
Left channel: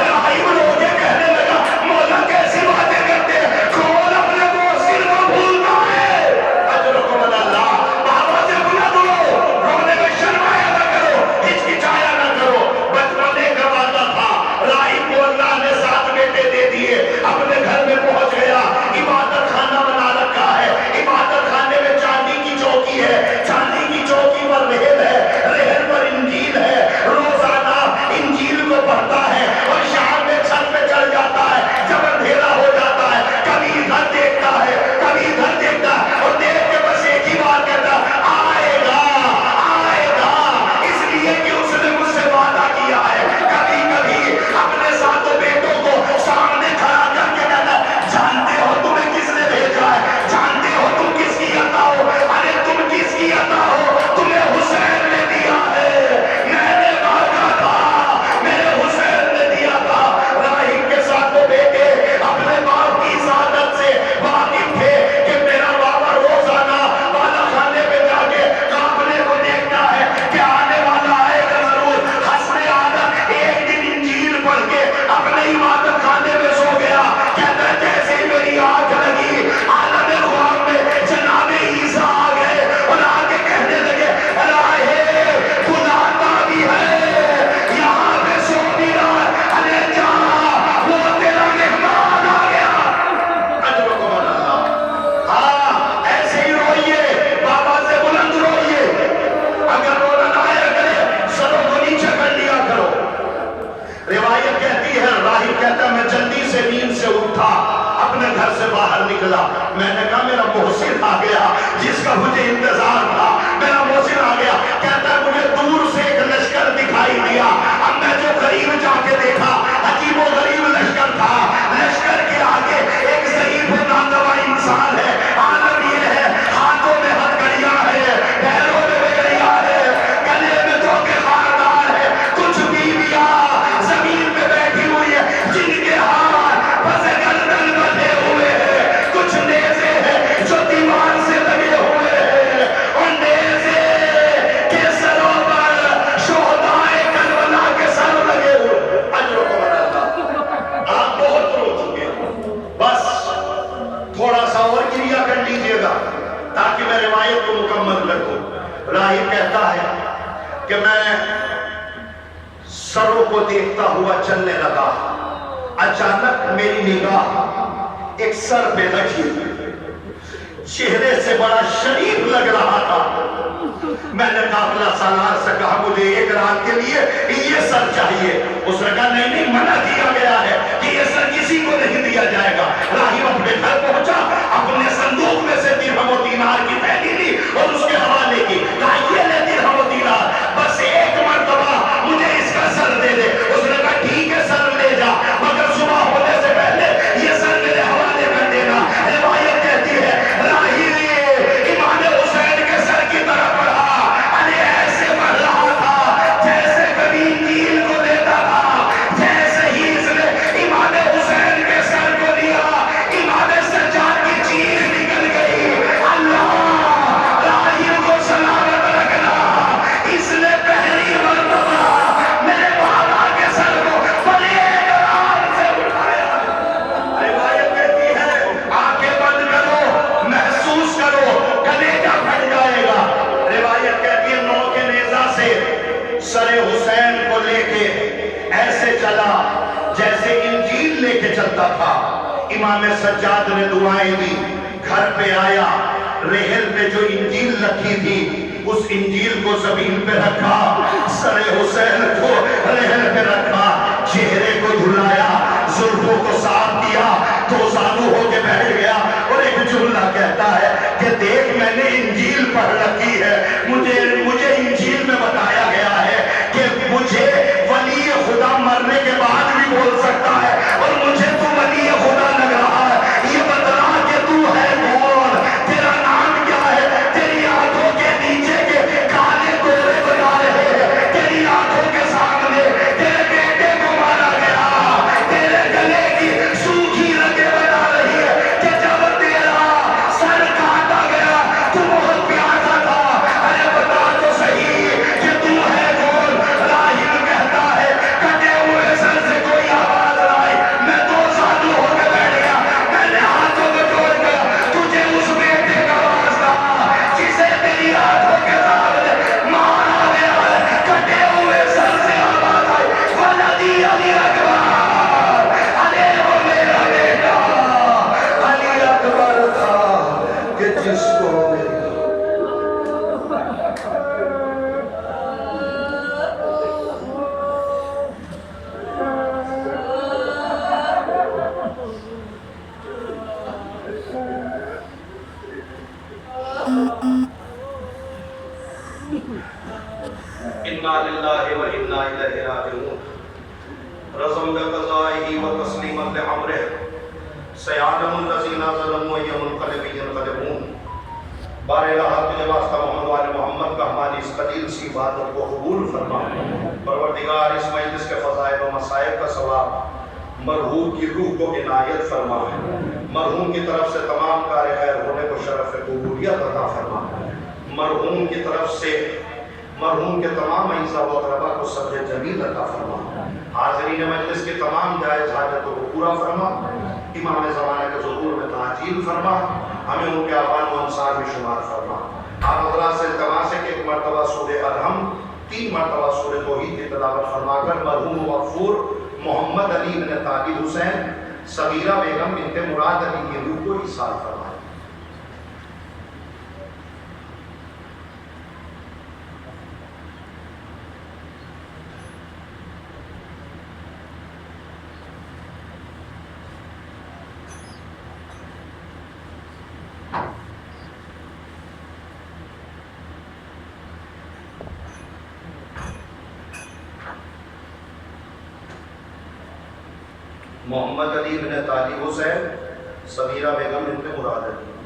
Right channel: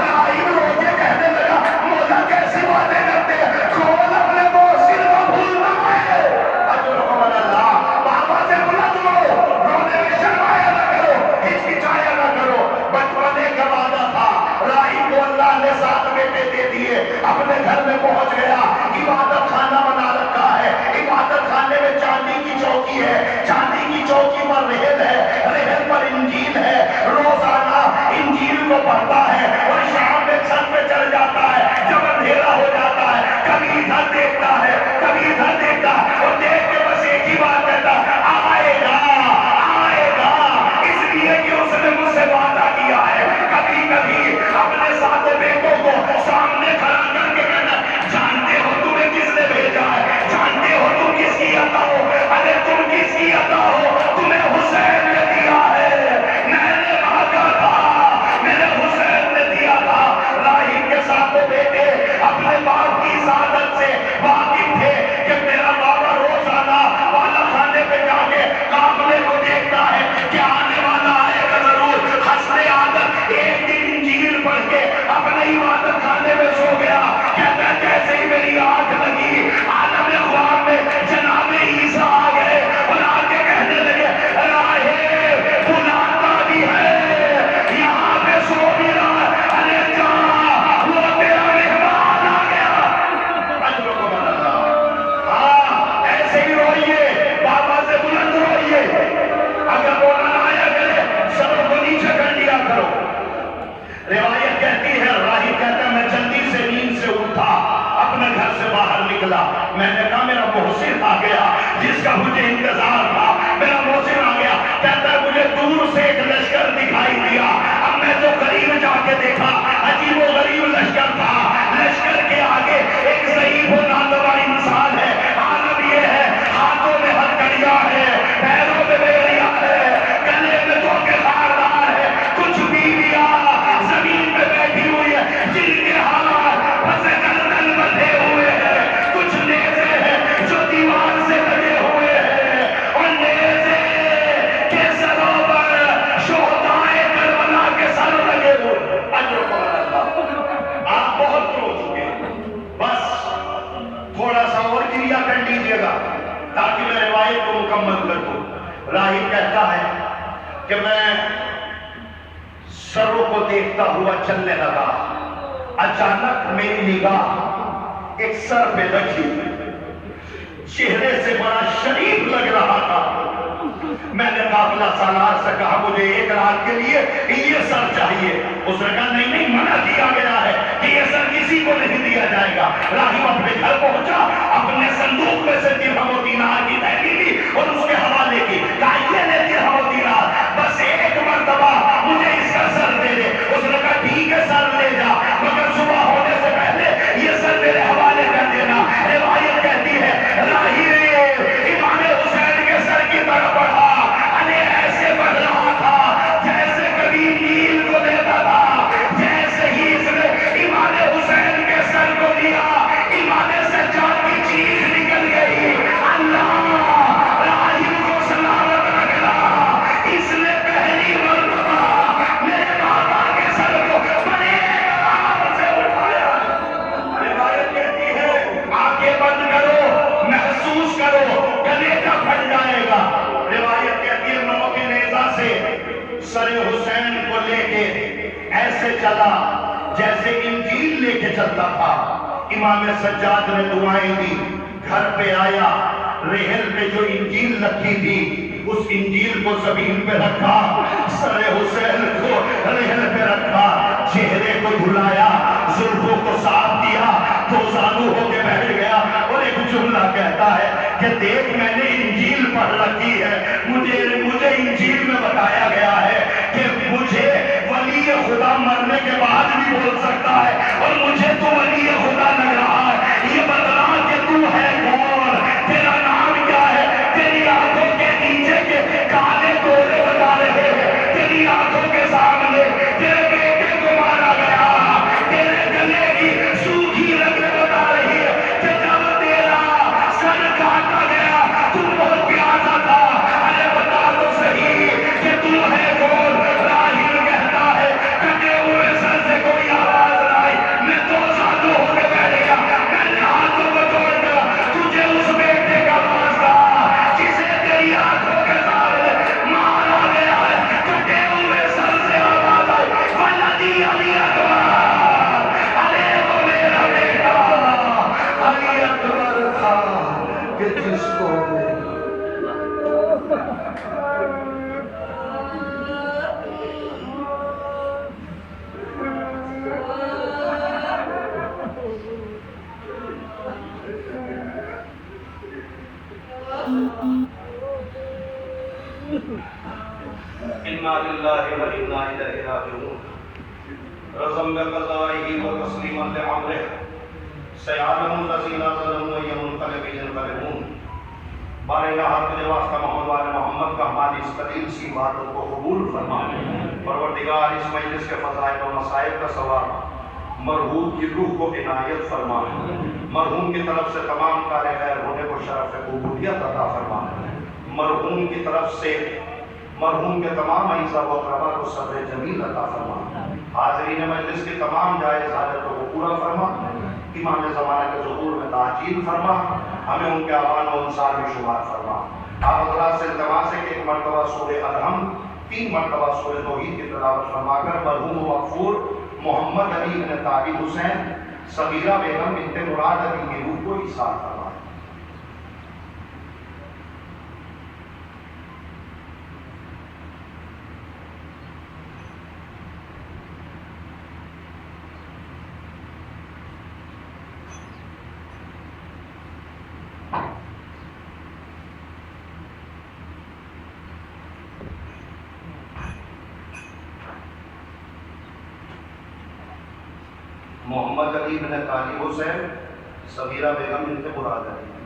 راہب رو کے کہنے لگا مولا کیسی باتیں کرتے ہیں, کون اپنے موسر کو بھولنا ہے. اجرکم اللہ, بابا سے بلا دو, رونے میں شرمایا نہ کرو, ہچکچایا نہ کرو. بچپن ایک وعدہ تھا, راہب کو اللہ نے 7 بیٹے دے دیے, اپنے گھر میں پہنچ گیا, عبادت خانہ بنا رکھا ہے. عبادت خانے میں چاندی کی چوکی ہے, چاندی کی چوکی پر رہن ہے, رہن پر انجیل ہے. روزانہ انجیل کو پڑھتا ہے اور شام میں چھت پہ چڑھ جاتا ہے جب اندھیرا ہو جاتا ہے, کبھی ادھر دیکھتا ہے کبھی ادھر دیکھتا ہے, اور دیکھ کے بس ایک ہی بات کہتا آئے گا آئے گا, اس لیے کہ اس نے مجھ سے وعدہ کیا ہے. کبھی کبھی اپنے 7 بیٹوں کو سامنے کھڑا کر کے کہتا جانتے ہو تمہیں کس نے بھیجا ہے, جانتے ہو تم کس کی عطا ہو, ارے تم کس کی عطا ہو, تمہیں حسین نے دیا ہے, میں نے مانگا تھا میرے حسین نے دیا تھا. راہب کے 7 بیٹے اپنے باپ کی سعادت سے واقف تھے کہ میرا بابا روزانہ والا خانے پہ جا کے قافلے کو دیکھتا ہے کہ آنے والا آئے گا ضرور. حسن عادت ایک دن انجیل پڑھ کے اپنے عبادت خانے میں سو گیا. کہتا ہے جیسے ہی میری آنکھ لگی عالم خواب میں جناب عیسیٰ آ گئے اور آ کے کہنے لگے راہب بلاتا بھی ہے یہاں پہ سو بھی رہا ہے, ارے جا وہ تیرا مہمان آ گیا. اجرکم اللہ. ہاں ایسے ہی روئیے, بابا سے بلند روئیے, اگر رونا نہ آیا کرے سروں کو نیچے کر لیا کرو. روایت کہتی ہے راہب کہتا ہے میں جلدی سے نیند سے اٹھا, اپنے گھر سے باہر نکلا, میں نے کہا میرا محسن آ گیا جس کا مجھے انتظار تھا, میرا محسن آ گیا. کہتا ہے مجھے دور سے ایک لشکر دکھائی دیا, اب میں جو قریب جا کے دیکھا عجیب و غریب لشکر تھا. لشکر کے آگے ایک ضعیف و ناتواں انسان ہے, عالم یہ ہے ہاتھوں میں ہتھکڑیاں ہے, پیروں میں بیڑیاں ہے, گلے میں دھوکے خاردار ہے, کچھ بیویاں زمین پہ بیٹھی ہوئی ہے جن کے ہاتھ پسے گردن بندھے ہوئے ہیں, کچھ نیزے ہیں جو دیوار سے لگے ہوئے ہیں, اور نیزے کے سروں پر شہدائے کربلا کے سر لگے ہوئے. اجرکم اللہ. آپ بہت رو چکے, بس تھوڑا سا اور کریا کر لیجئے گا تاکہ میں روایت کو مکمل کر دوں. راہب کہتا ہے کہ میں سروں کو دیکھتا ہوا چلنے لگا, اچانک میری نگاہ ایک سر پہ لگی, چہرے سے بڑا شریف لگ رہا تھا. میں نے قافلہ سالار سے کہا مجھے ایک رات کے لیے یہ سر چاہیے. اس نے کہا نہیں نہیں منع کیا گیا ہے کہ یہ سر کسی کو نہیں دیا جائے گا. راہب اپنے گھر پہنچا, اپنے صندوق میں سے درہم و دینار کی تھیلی لی اور اس کے حوالے کی, کہا یہ لے درہم و دینار, بس ایک مرتبہ مجھے اس کا سر دے دے. اس نے کہا ٹھیک ہے سر لے جا, مگر صبح ہونے سے پہلے یہ سر میرے حوالے کر دینا. روایت کہتی ہے راہب امام حسین کے سر کی طرف بڑھا, ارے ایسے بڑھ رہا تھا جیسے کبھی نیل کو دیتا تھا. جیسے ہی اس نے امام حسین کے سر کو لیا, امام سجاد کی چیخ ایسے چلا جیسے انجیل لے کے چلتا تھا۔ امام سجاد نے دعائیں دی، گھر پہ آیا، ریحل پہ جو انجیل رکھی تھی اس انجیل کو زمین پہ رکھا، سر حسین کو ریحل پہ رکھا، چہرے کو دھلایا، زلفوں کو صاف کیا، دو زانو ہو کے بیٹھ گیا اور ایک جملہ کہتا ہے کہ دیکھ میں نے انجیل پڑھ رکھی ہے، مجھے انجیل میں بتایا گیا ہے کہ مجھے ولی خدا مرنے کے بعد بھی بول سکتا ہے، اور مجھے تو ولی خدا لگ رہا ہے، یہ بتلا کہ تو ہے کون، تیرا نام کیا ہے، تیری آنکھوں کے نیچے کے کالے گورے بتا رہے ہیں، تیری آنکھوں کے سامنے تیرے بیٹے کو مارا گیا، تیرے گلے کی سوکھی رگیں بتا رہی ہے کہ جب تیرا سر کاٹا گیا تو بہت پیاسا تھا، ارے بتا تو صحیح کہ تو ہے کون۔ راہب کہتا ہے کٹے ہوئے سر سے کوئی آواز آئی، میں دو ساتوں ہو کے بیٹھ گیا، میں نے ہاتھوں کو جوڑ کر تجھے اس بیٹے کا واسطہ جسے تیری آنکھوں کے سامنے مارا گیا ہے، کٹے ہوئے سر سے آواز آئی، ولدی علی اکبر، ارے وہ میرا بیٹا علی اکبر تھا کہ جس کو انا للہ و انا الیہ راجعون، رضم بقضائہ و تسلیما لامرہ، سیعلم الذین ظلموا ای منقلب ینقلبون۔ بارے اللہ تجھے واسطہ محمد وال محمد کا ہماری اس قلیل سی عبادت کو قبول فرما۔ پروردگار اس مجلس کے فضائل و مصائب کا ثواب مرحوم کی روح کو عنایت فرما، مرحوم کی طرف سے تمام کار خیر ہونے کو شرف قبولیت عطا فرما، مرحوم کی طرف سے مرحوم کے تمام اعزاء و اقرباء کو صبر جمیل عطا فرما، حاضرین مجلس کے تمام جائز حاجتوں کو پورا فرما، امام زمانے کے ظہور میں تعجیل فرما، ہمیں ان کے اعوان و انصار میں شمار فرما۔ آپ حضرات سے التماس ہے کہ ایک مرتبہ سورہ ارحم، 3 مرتبہ سورہ توحید کی تلاوت فرما کر مرحوم مغفور محمد علی بن طالب حسین صغیرہ بیگم بنت مراد علی کی روح کو ایصال فرمائیں۔ محمد علی بن طالب حسین صغیرہ بیگم بنت مراد علی۔